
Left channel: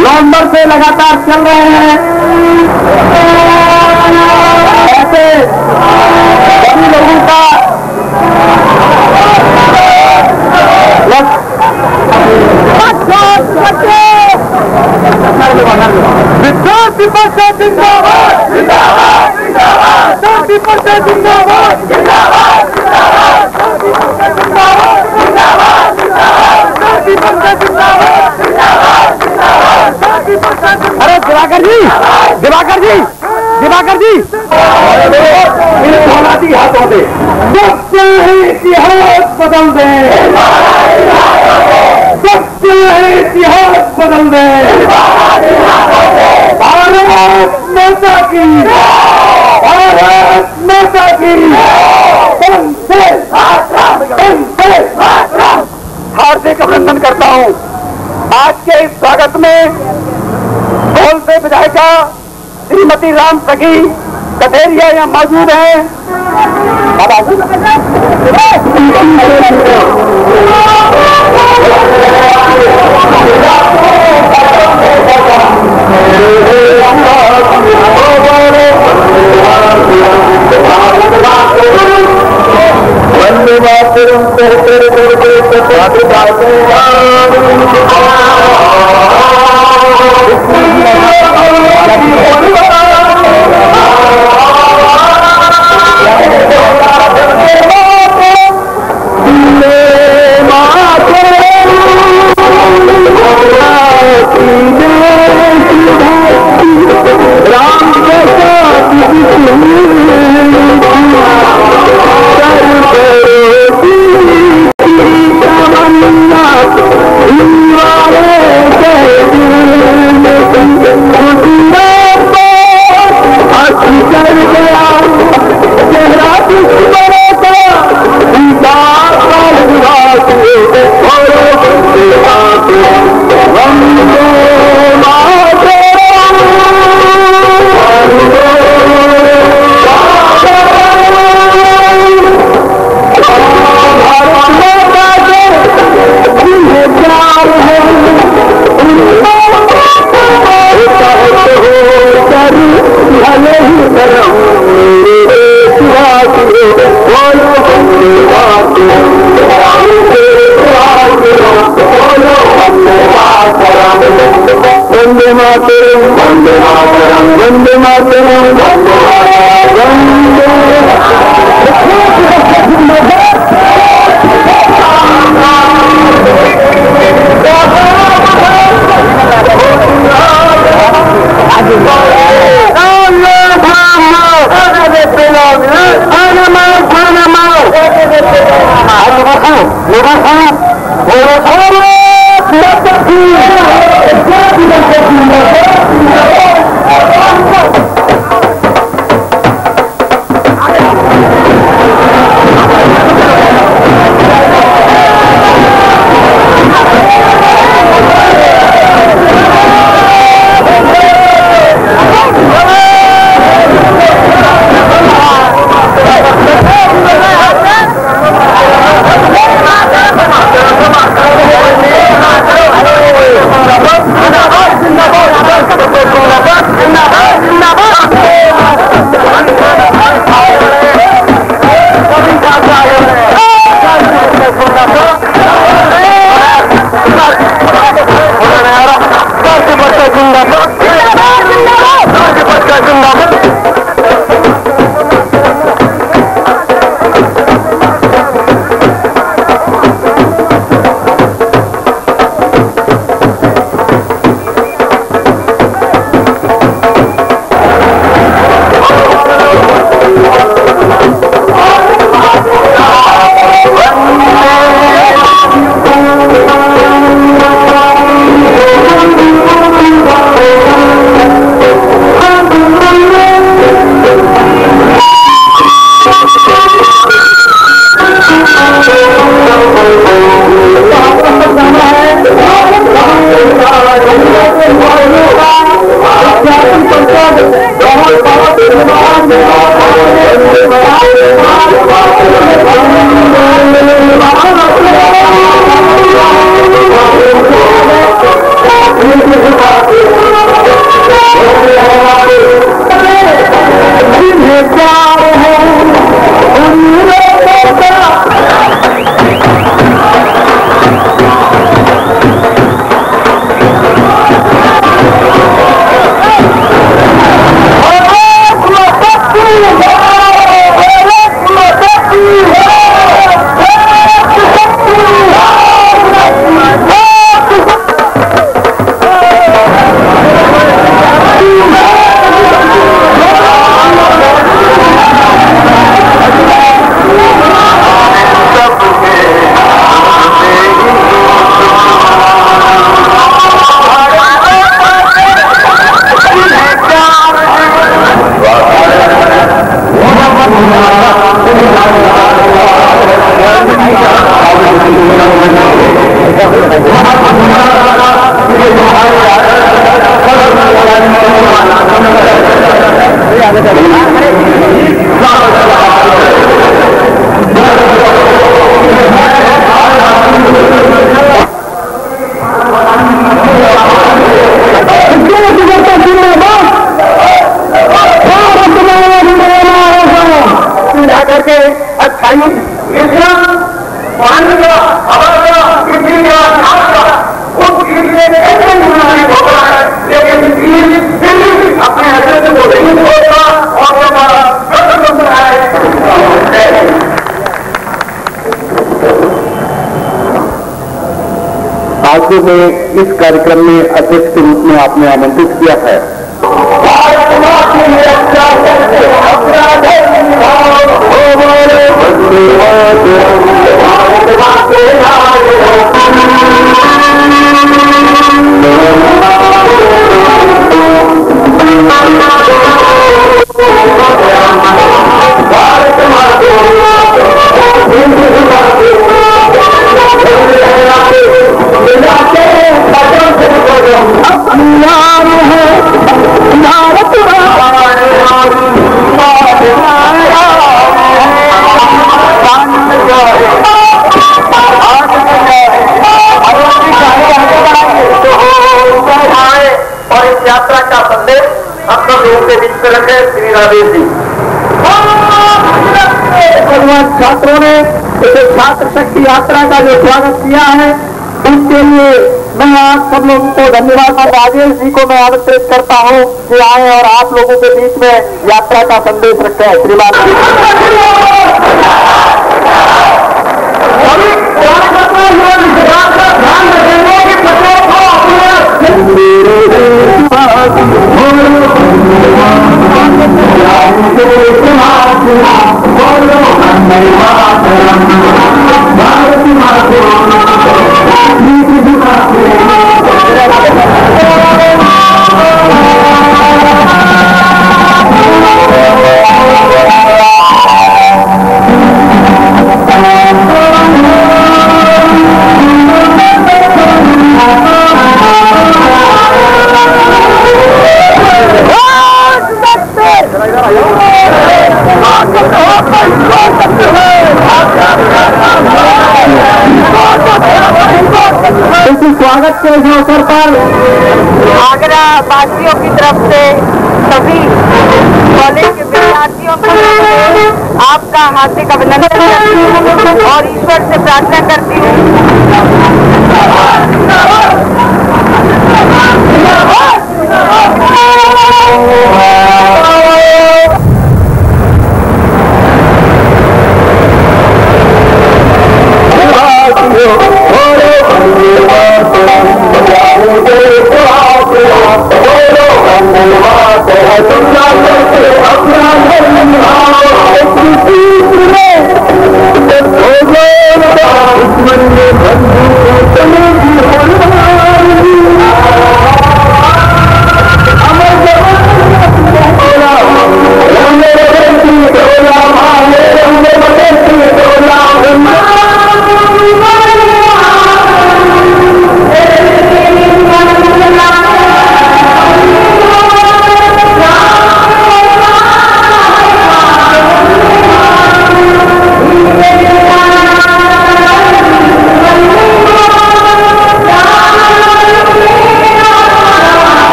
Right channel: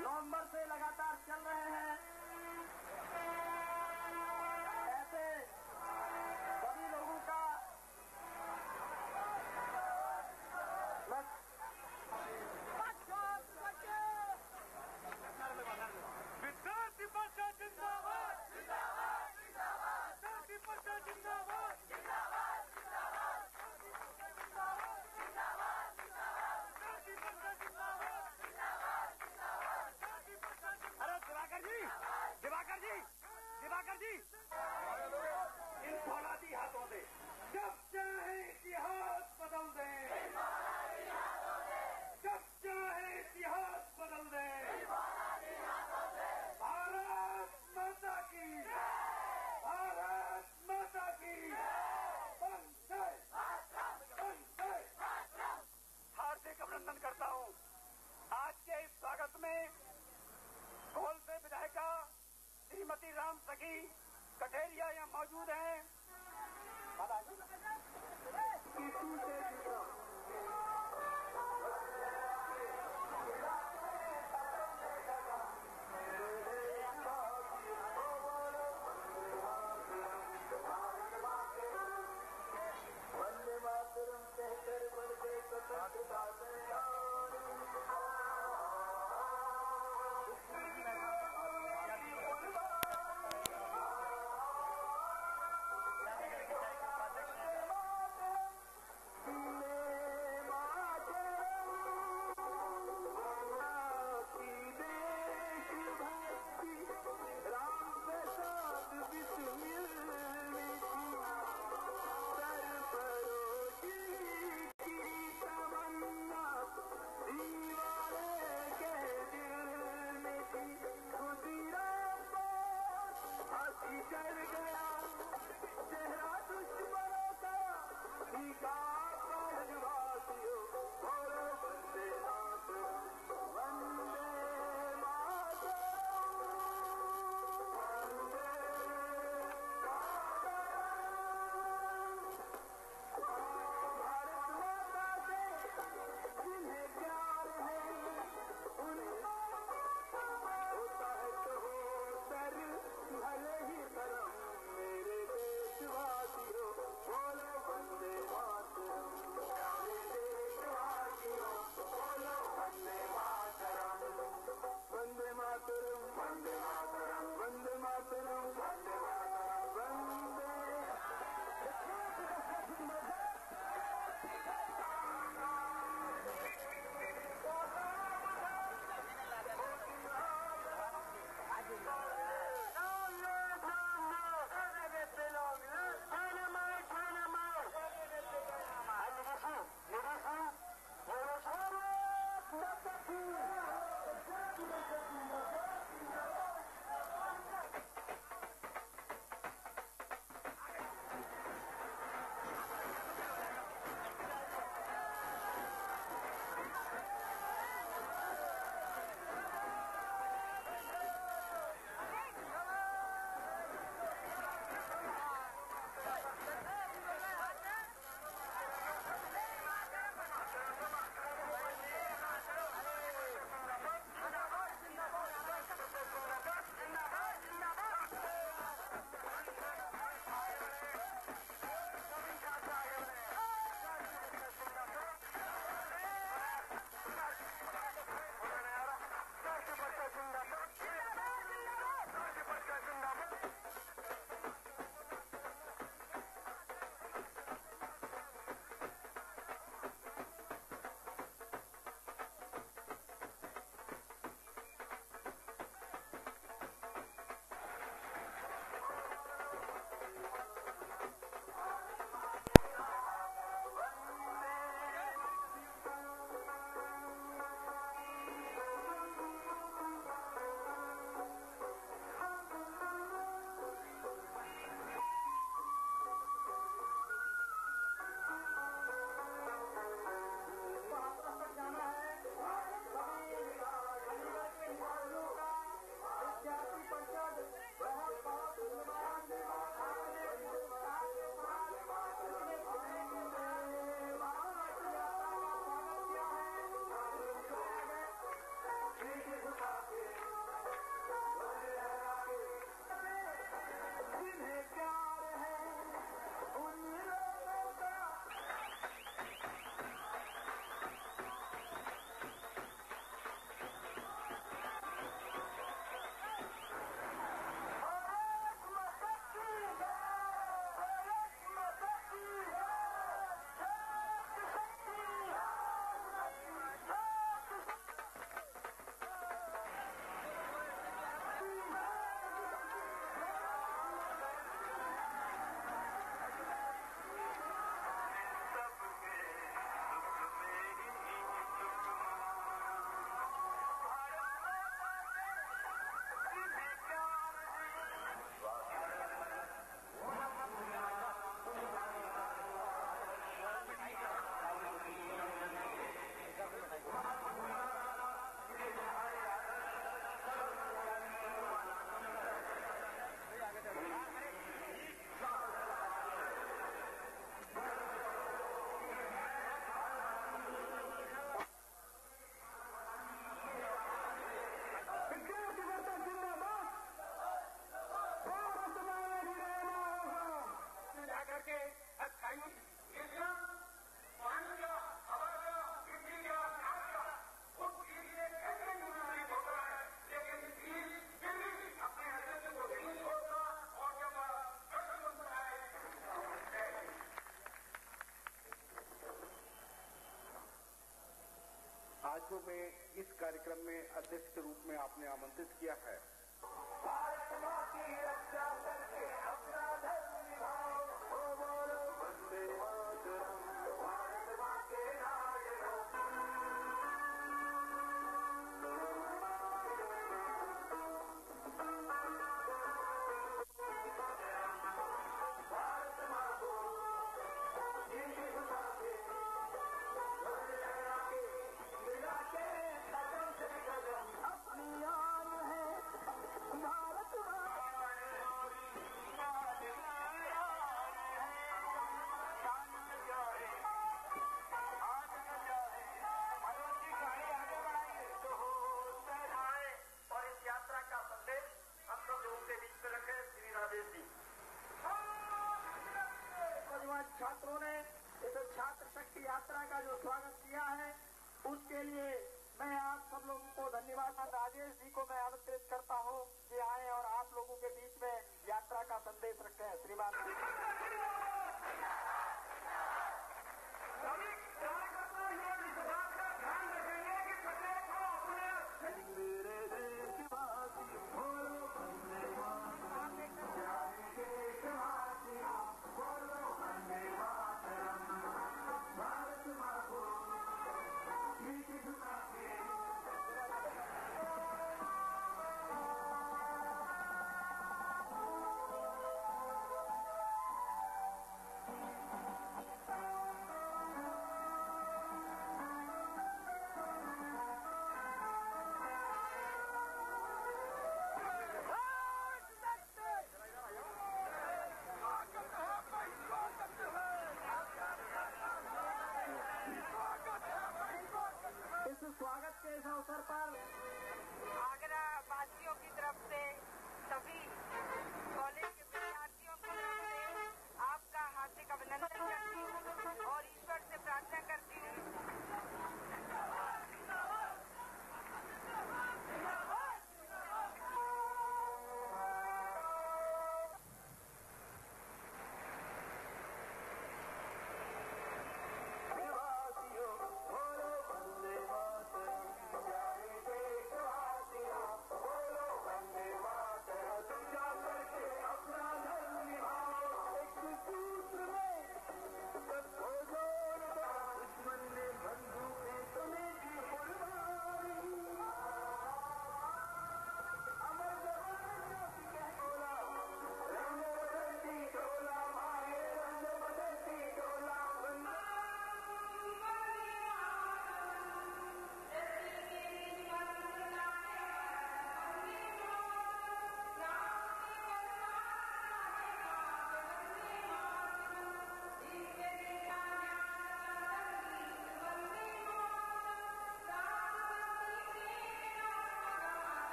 नवंबर से लगातार चल रहे हैं, ऐसे सभी लोगों का विद्यार्थी परिषद जिंदाबाद, जिंदाबाद, जिंदाबाद, विद्यार्थी परिषद जिंदाबाद, जिंदाबाद, जिंदाबाद, जिंदाबाद, विद्यार्थी परिषद जिंदाबाद, जिंदाबाद, जिंदाबाद। अरे दिवाकर जी, दिवाकर जी, दिवाकर जी, इन हाथों से सत्य इतिहास बदल दे, सत्य इतिहास बदल दे। भारत माता की, भारत माता की। हार्दिक अभिनंदन करता हूं। आज के इस स्वागत में ढोल से विधायिका श्रीमती राम सखी कथेरिया यहाँ मौजूद है। वंदे मातरम आपको में इस कार्यक्रम में अध्यक्ष के रूप में आपने आमंत्रित किया है। यात्रा का संदेश हम सब लोगों के बीच में रखे श्री राजेश जी। छात्रों ने छात्र शक्ति यात्रा का जो स्वागत किया है उसके लिए मैं आप सब लोगों को धन्यवाद और राजेश जी को मैं आमंत्रित करता हूं कि आए और आप लोगों के बीच में यात्रा का संदेश रखे हैं। श्रीमान इस अवसर पर आगरा वासियों की तरफ से सभी कॉलेज के विद्यार्थियों को आपका हार्दिक अभिनंदन करती हूँ और ईश्वर से प्रार्थना करती हूँ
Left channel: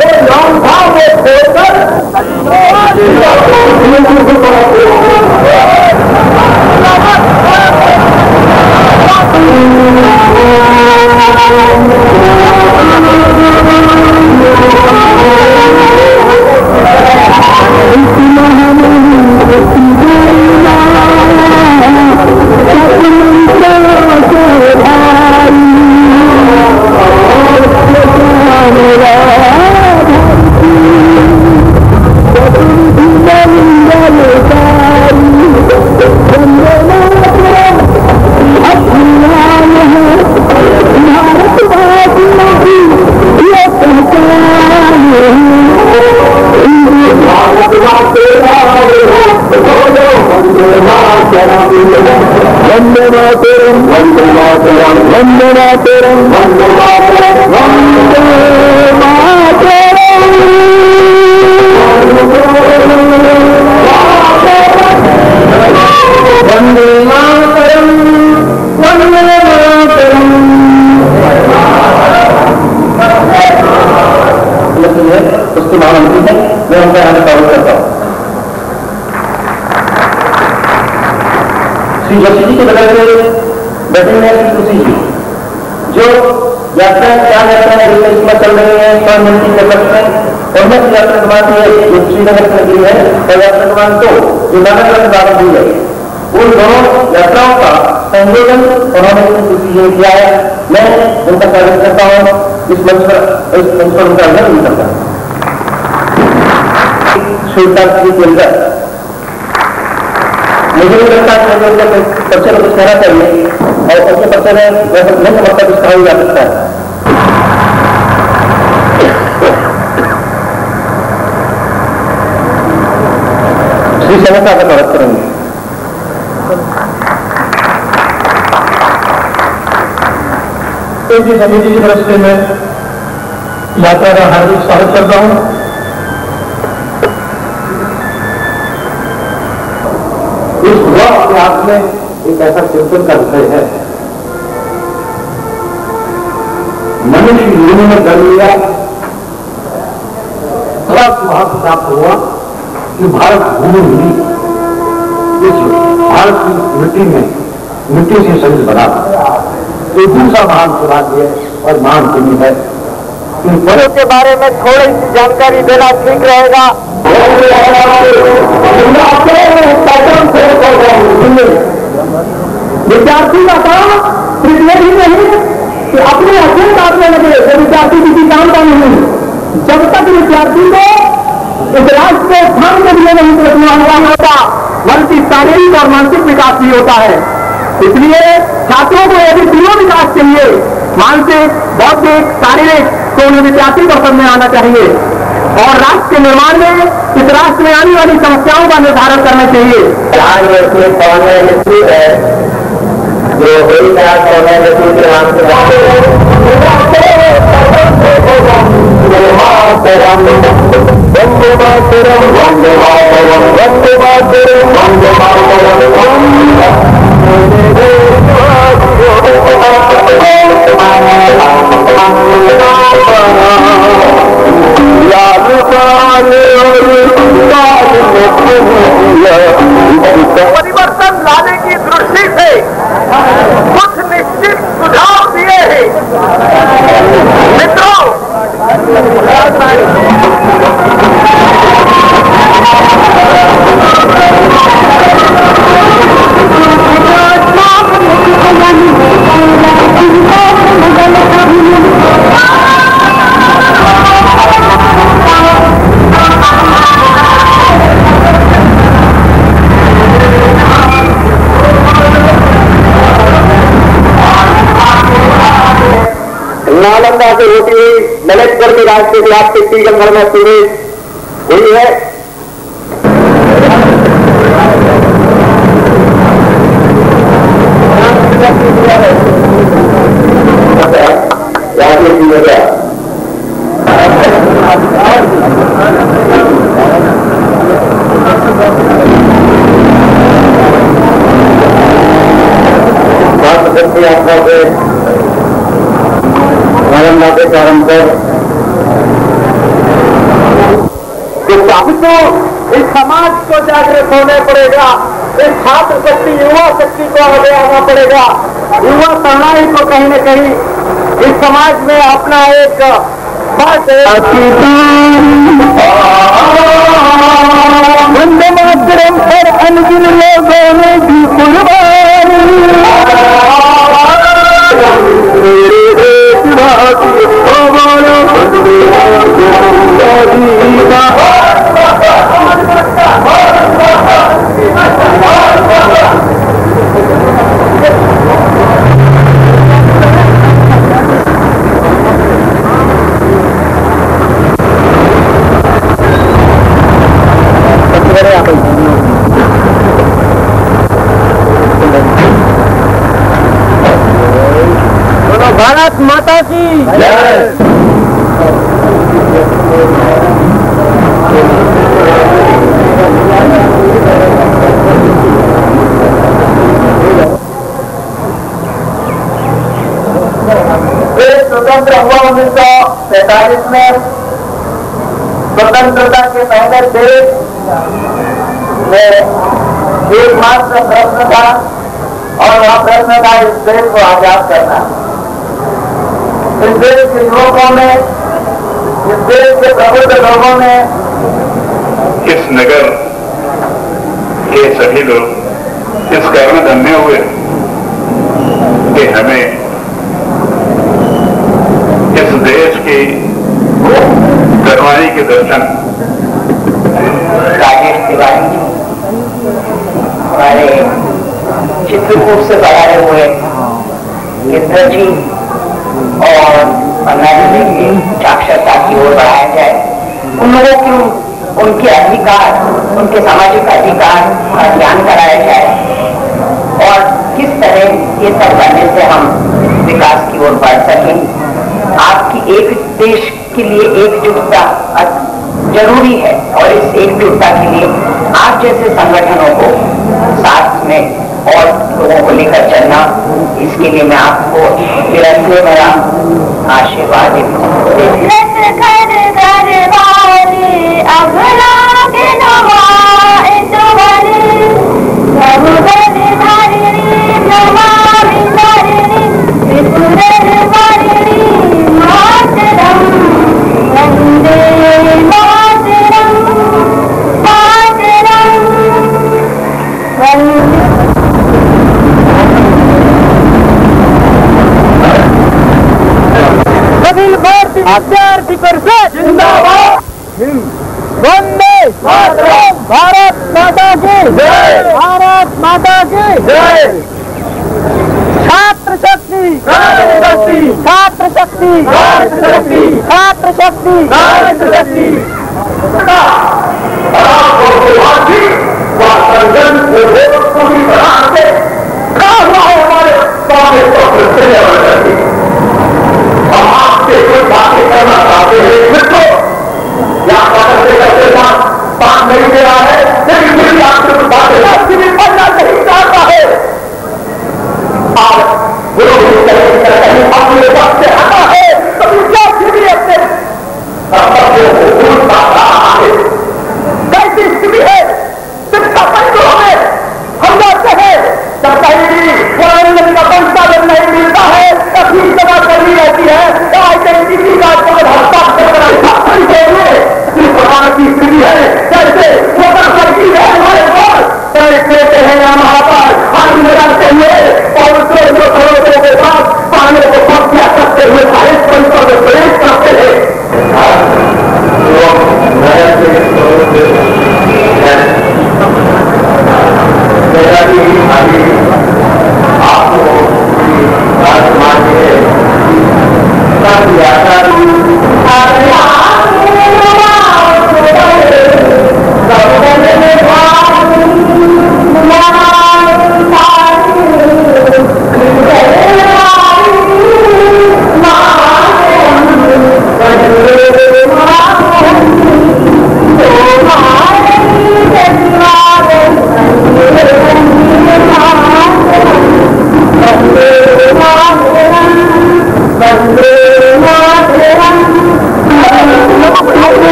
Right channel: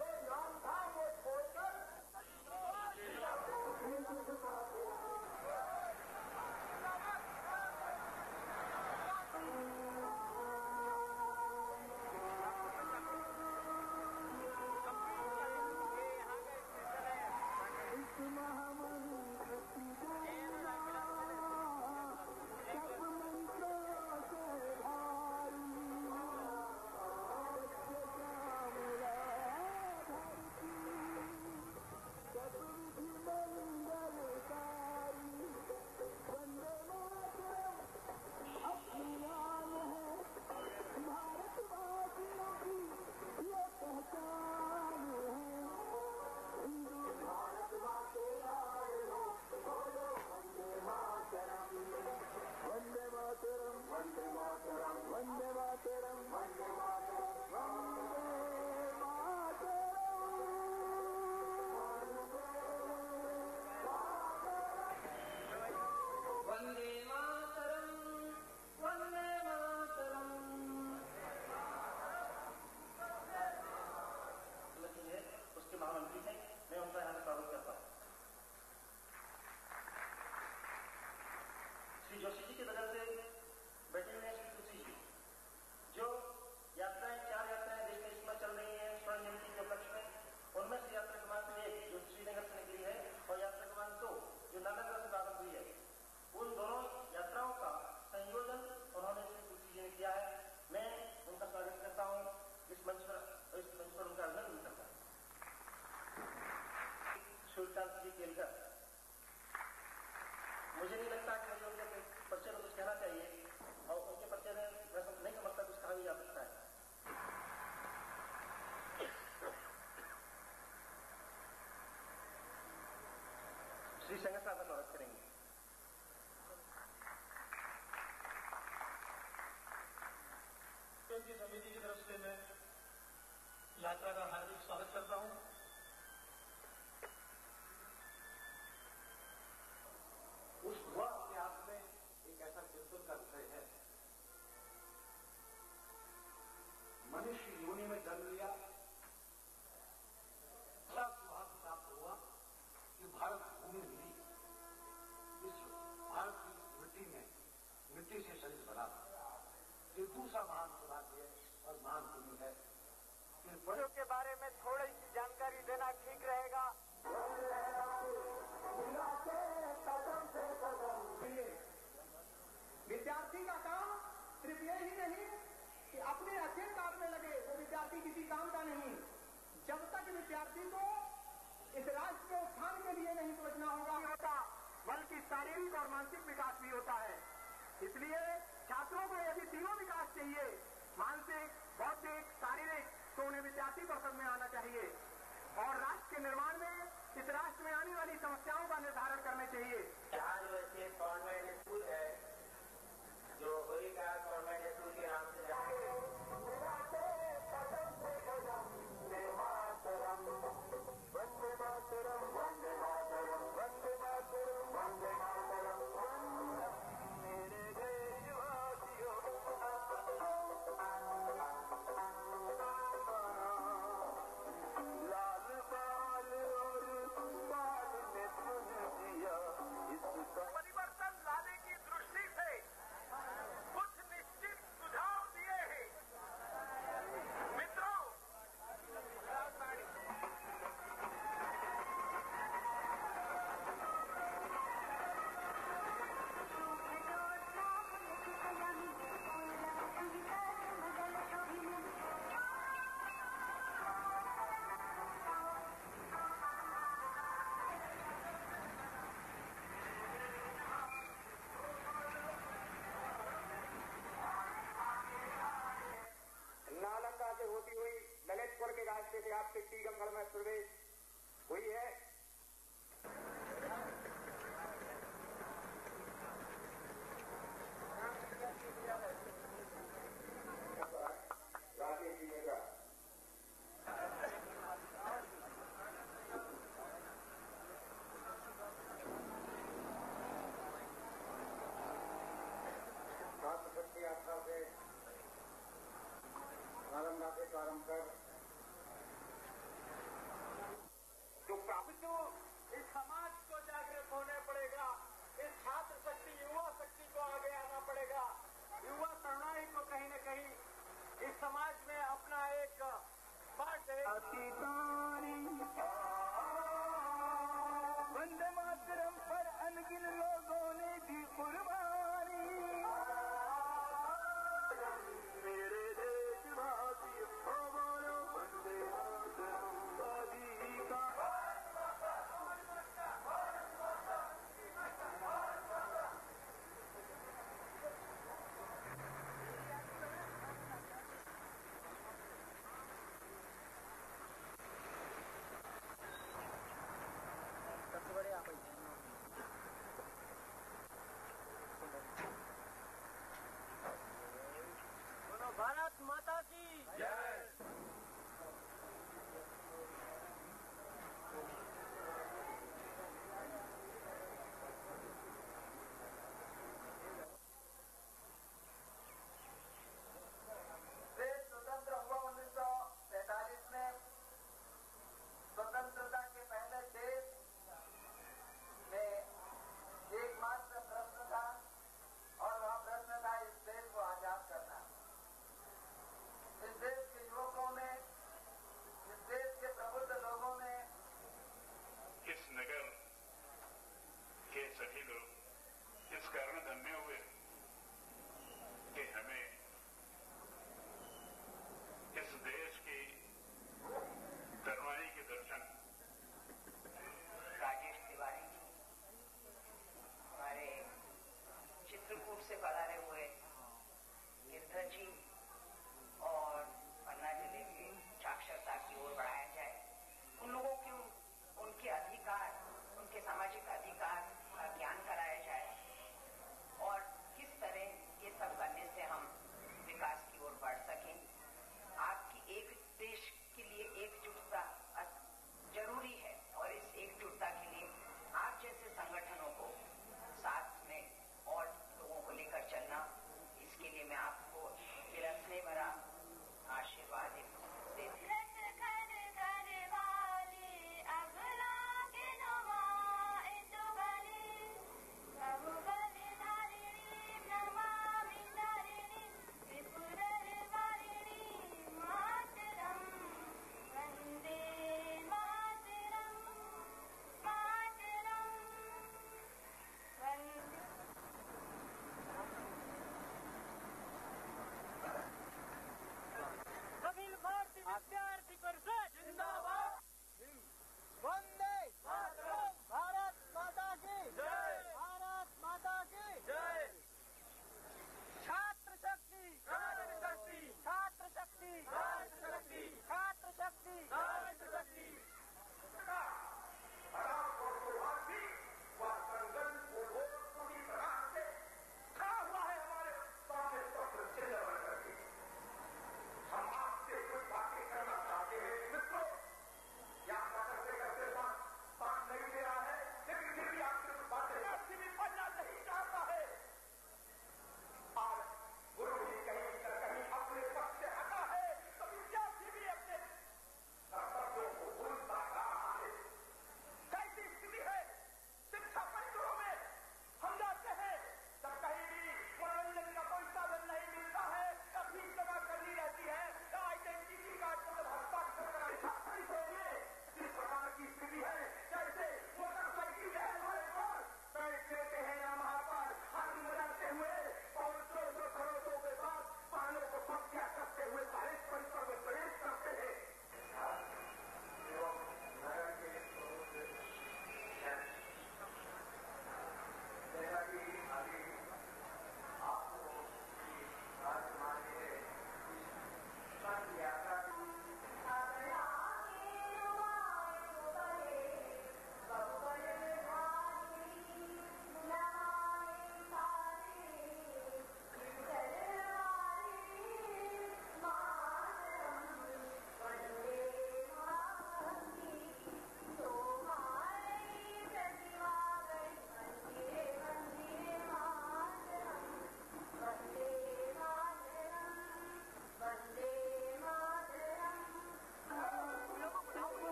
वो नाम था वो छोड़कर मुझे नहीं लगता कि पर्चे को कुछ कहना चाहिए और उसके पर्चे में नहीं समझता कुछ कहा जा सकता है। श्री समस्या का स्वागत करेंगे। जी समिति की तरफ से मैं यात्रा का हार्दिक स्वागत करता हूँ। इस हुआ अपने आप में एक ऐसा चिंतन का विषय है। मनुष्य युग में जन्म लिया, बड़ा सौभाग्य प्राप्त हुआ कि भारत भूमि मिली, इस भारत की मिट्टी से शरीर बना। तो दूसरा महान सौभाग्य और महान पुण्य है। इन पदों के बारे में थोड़ी सी जानकारी देना ठीक रहेगा। विद्यार्थी का काम सिर्फ ये ही नहीं कि अपने अध्ययन काटने लगे, तो विद्यार्थी किसी काम का नहीं। जब तक विद्यार्थी को इस राष्ट्र को स्थान के लिए नहीं प्रश्न होता, बल्कि शारीरिक और मानसिक विकास भी होता है। इसलिए छात्रों को यदि तीनों विकास चाहिए, मानसिक, बौद्धिक, शारीरिक, तो उन्हें विद्यार्थी को समझ में आना चाहिए और राष्ट्र के निर्माण में इस राष्ट्र में आने वाली समस्याओं का निर्धारण करना चाहिए। परिवर्तन लाने की दृष्टि से कुछ निश्चित सुझाव दिए हैं। मित्रों, नालंदा से होती हुई ललितगढ़ के राज के खिलाफ टीकमगढ़ में शुरू हुई है। यात्रा से नालंदा के प्रारंभ कर अब तो इस समाज को जागृत होने पड़ेगा, इस छात्र शक्ति युवा शक्ति को आगे आना पड़ेगा। युवा तरुणाई को कहीं न कहीं इस समाज में अपना एक वंदे मातरम पर अनगिन लोगों ने दी कुर्बानी, भारत माता की जय। स्वतंत्र हुआ 1947 में। स्वतंत्रता के पहले देश में एकमात्र प्रश्न था और वह प्रश्न था इस देश को आजाद करना। इस देश के युवकों में, इस देश के प्रबुद्ध लोगों में, इस नगर के सभी लोग इस कारण धन्य हुए कि हमें इस देश की करवाई के दर्शन राजेश तिवारी हमारे चित्रकूट से पधारे हुए मित्र जी और पन्ना जिले की साक्षरता की ओर बढ़ाया जाए। उन लोगों की उनके अधिकार, उनके सामाजिक अधिकार का ज्ञान कराया जाए और किस तरह ये सब करने से हम विकास की ओर बढ़ सकें। आपकी एक देश के लिए एकजुटता जरूरी है और इस एकजुटता के लिए आप जैसे संगठनों को साथ में और लोगों को लेकर चलना, इसके लिए मैं आपको निरंतर मेरा आशीर्वाद विद्यार्थी परिषद जिंदाबाद। वंदे मातरम। भारत माता की जय। भारत माता की जय। छात्र शक्ति, छात्र शक्ति, छात्र शक्ति, छात्र शक्ति, छात्र शक्ति। कोई बातें करना चाहते हैं मित्रों, या बात नहीं दे रहा है, लेकिन मेरी आपसे कुछ बातें भी पढ़ना नहीं चाहता है। आप कहीं अपने वक्त से हटा है तो विद्यार्थी भी अपने कर्तव्यों को भूल पाता है। कैसी स्थिति है शिक्षा बंद हमें हम जाते हैं, जब कहीं का पैसा जब नहीं मिलता है तब फीस जमा करनी रहती है, आइडेंटिटी कार्ड को हस्ताक्षर कराए इस प्रकार की स्थिति है। जैसे मोटरसाइकिल है हमारे पास लेते हैं यहाँ पर हम लगाते हुए और उसको खड़ों के साथ पानी को कब्जा करते हुए भारत परिसर में प्रवेश करते हैं।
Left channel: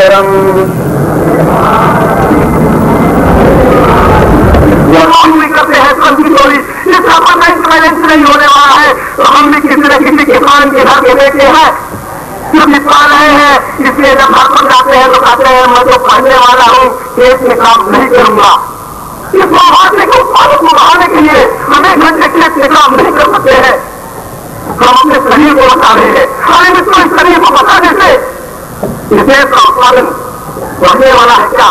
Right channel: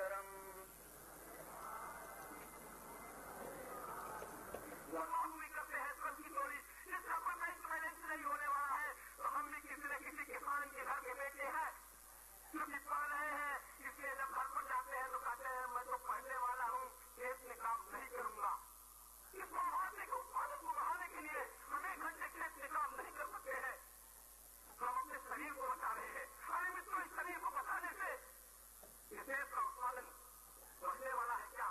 मातरम। हम भी करते हैं चोरी, इसका परमानेंट नहीं होने वाला है। तो हम भी किसी न किसी किसान के घर के बेटे हैं जो पा रहे हैं, इसलिए जब घर पर जाते हैं तो कहते हैं मैं तो पढ़ने वाला हूँ, खेत में काम नहीं करूंगा। इस मुआवजे के उत्पादन को बढ़ाने के लिए हमें घंटे खेत में काम नहीं कर सकते हैं। हम अपने शरीर को बता रहे हैं, हमें मित्रों इस शरीर को बताने से इस देश का उत्पादन बढ़ने वाला है क्या?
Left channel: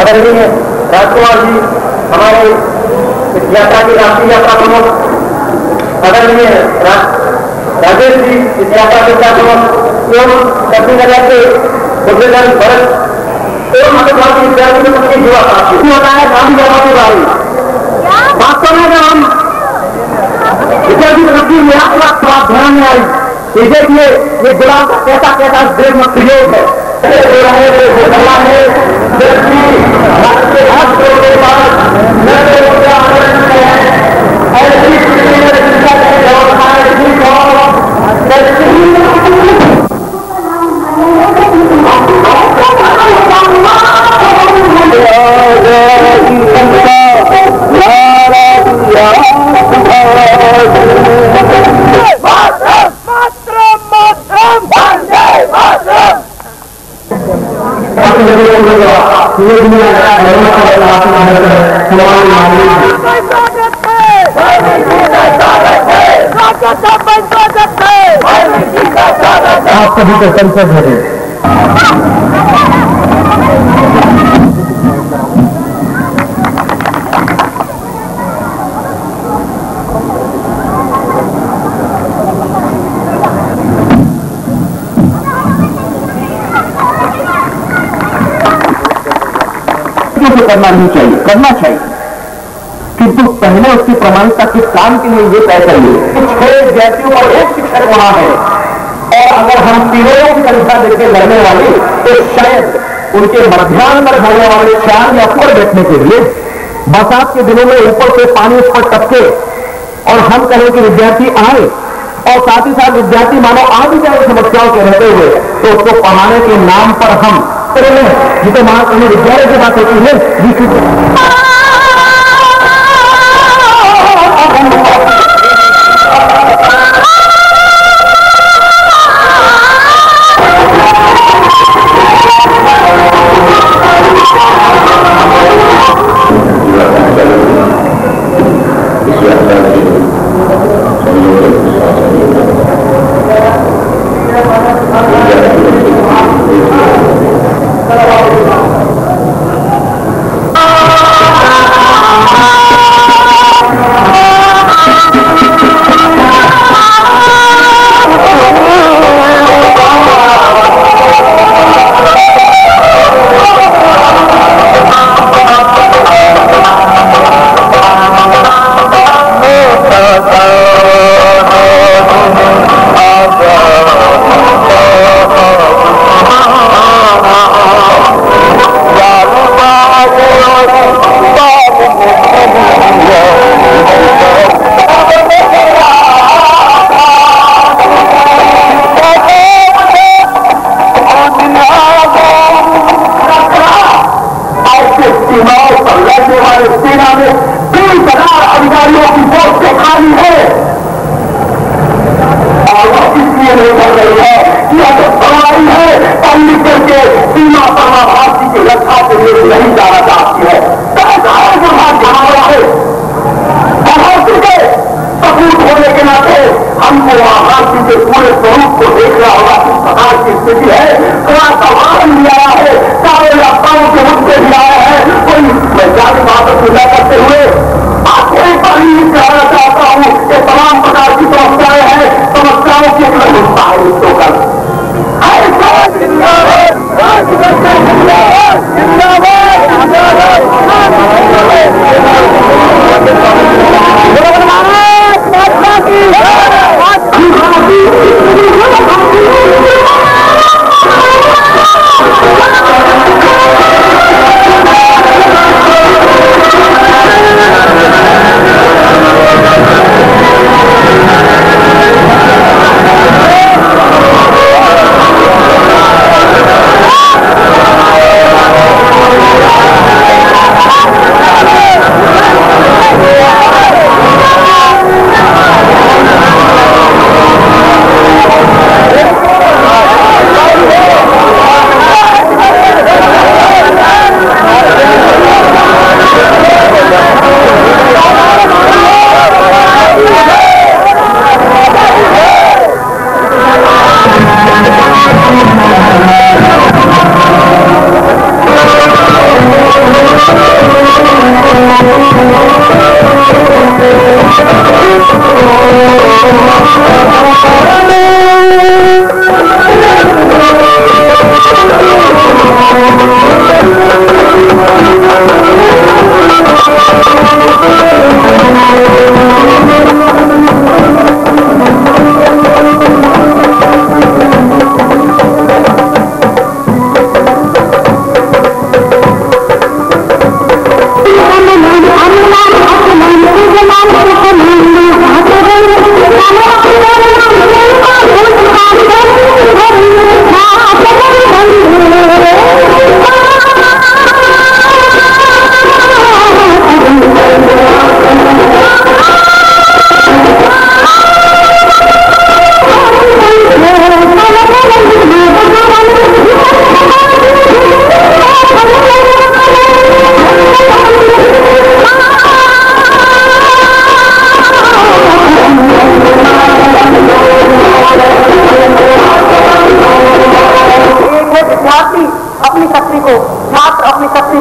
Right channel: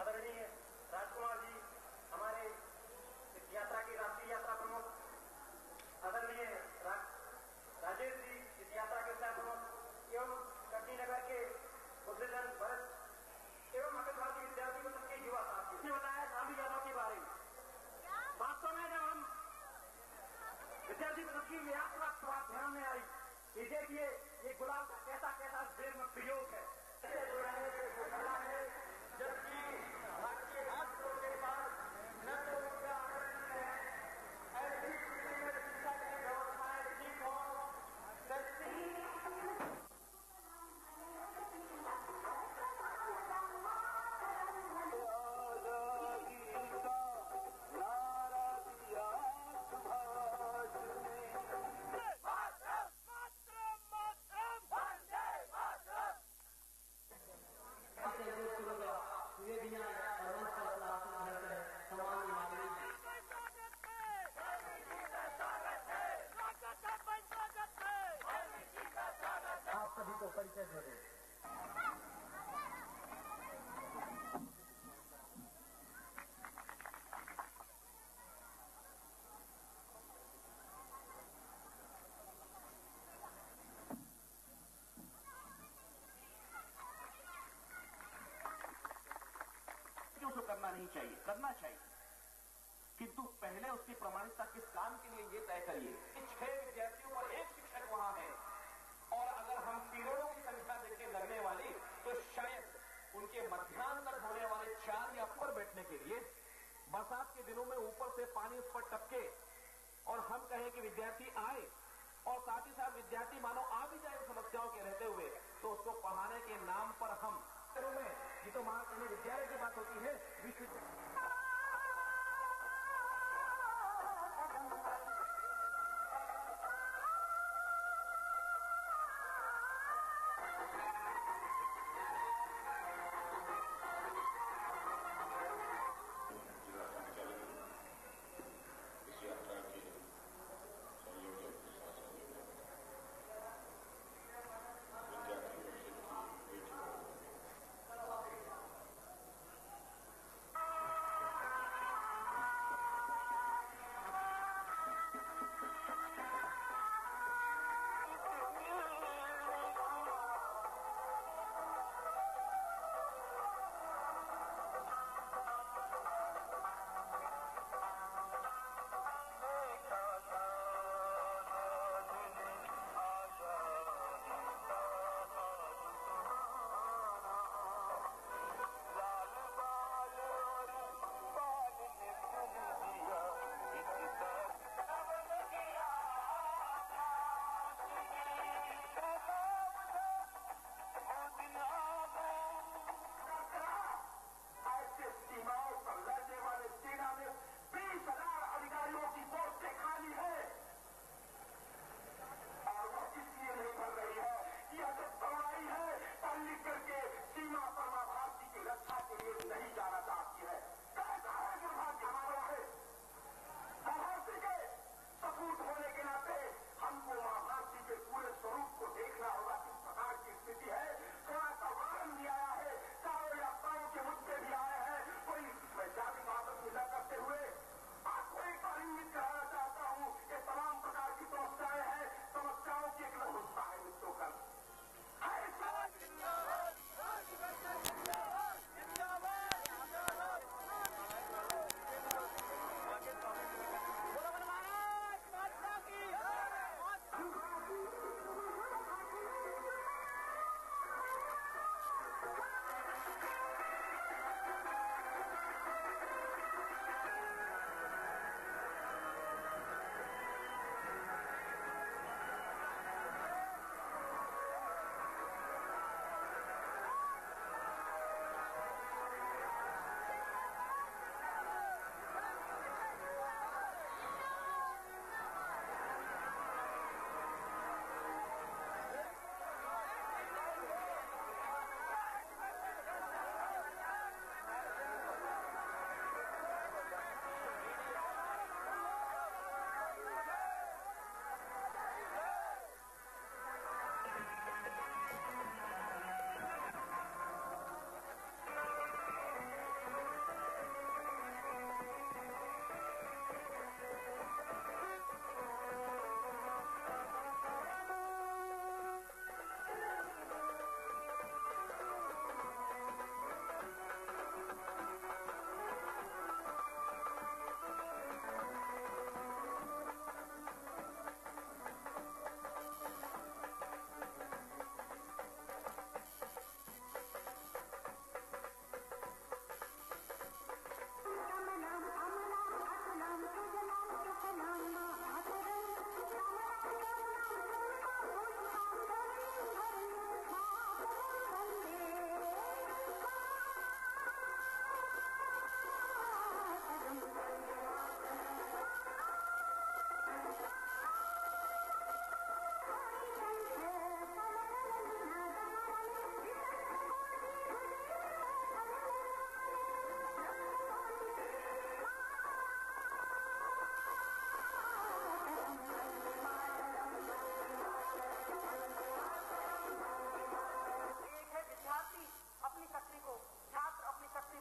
आदरणीय राजकुमार जी, हमारे इस यात्रा की राष्ट्रीय यात्रा प्रमुख आदरणीय राजेश जी, इस यात्रा के प्रमुख एवं दक्षिण नगर के बुद्धिजन भरत एवं महात्मा विद्यार्थी में सबके युवा साथी होता है गांधी जमा के बारे। वास्तव में जब हम विद्यार्थी प्रति थोड़ा ध्यान में आई, ये देखिए ये गुलाम का कैसा कैसा देश में प्रयोग है। आप सभी को संसद है। करना नहीं चाहिए, करना चाहिए, किंतु पहले उसकी प्रमाणिकता के काम के लिए ये तय करिए कि 6 विद्यार्थियों और 1 शिक्षक वहां है, और अगर हम तीनों की संख्या देकर लड़ने वाले तो शायद उनके मध्याह्न पर होने वाले शाम या ऊपर बैठने के लिए बरसात के दिनों में ऊपर से पानी उस पर टपके और हम कहें कि विद्यार्थी आए और साथ ही साथ विद्यार्थी मानो आ भी जाए समस्याओं के रहते हुए, तो उसको पढ़ाने के नाम पर हम जिसे महाकवि विद्यालय की बात होती है।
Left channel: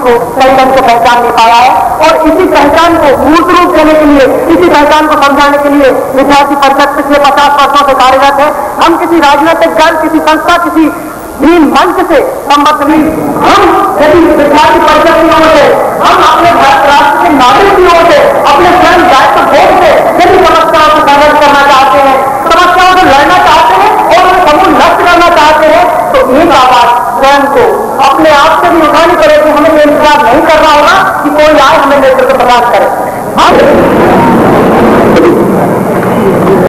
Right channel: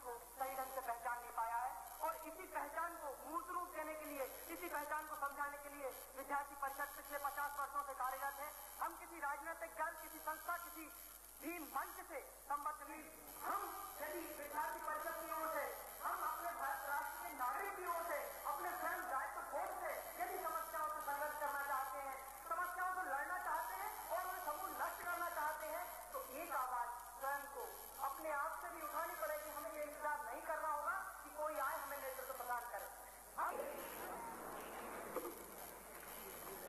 को सही ढंग से पहचान नहीं पाया है। और इसी पहचान को मूर्त रूप देने के लिए, इसी पहचान को समझाने के लिए विद्यार्थी परिषद पिछले 50 वर्षों से कार्यरत है। हम किसी राजनीतिक दल, किसी संस्था, किसी भी मंच से संबद्ध नहीं। हम यदि विद्यार्थी परिषद की ओर से, हम अपने भारत राष्ट्र के नागरिक की ओर से, अपने स्वयं दायित्व बोध से यदि समस्याओं से संघर्ष करना चाहते हैं, समस्याओं से लड़ना चाहते हैं और उन्हें समूह नष्ट करना चाहते हैं, तो एक आवाज स्वयं को अपने आप से भी उठानी पड़ेगी। हमें ये इंतजार नहीं करना होगा कि कोई आए हमें नेतृत्व प्रदान करे।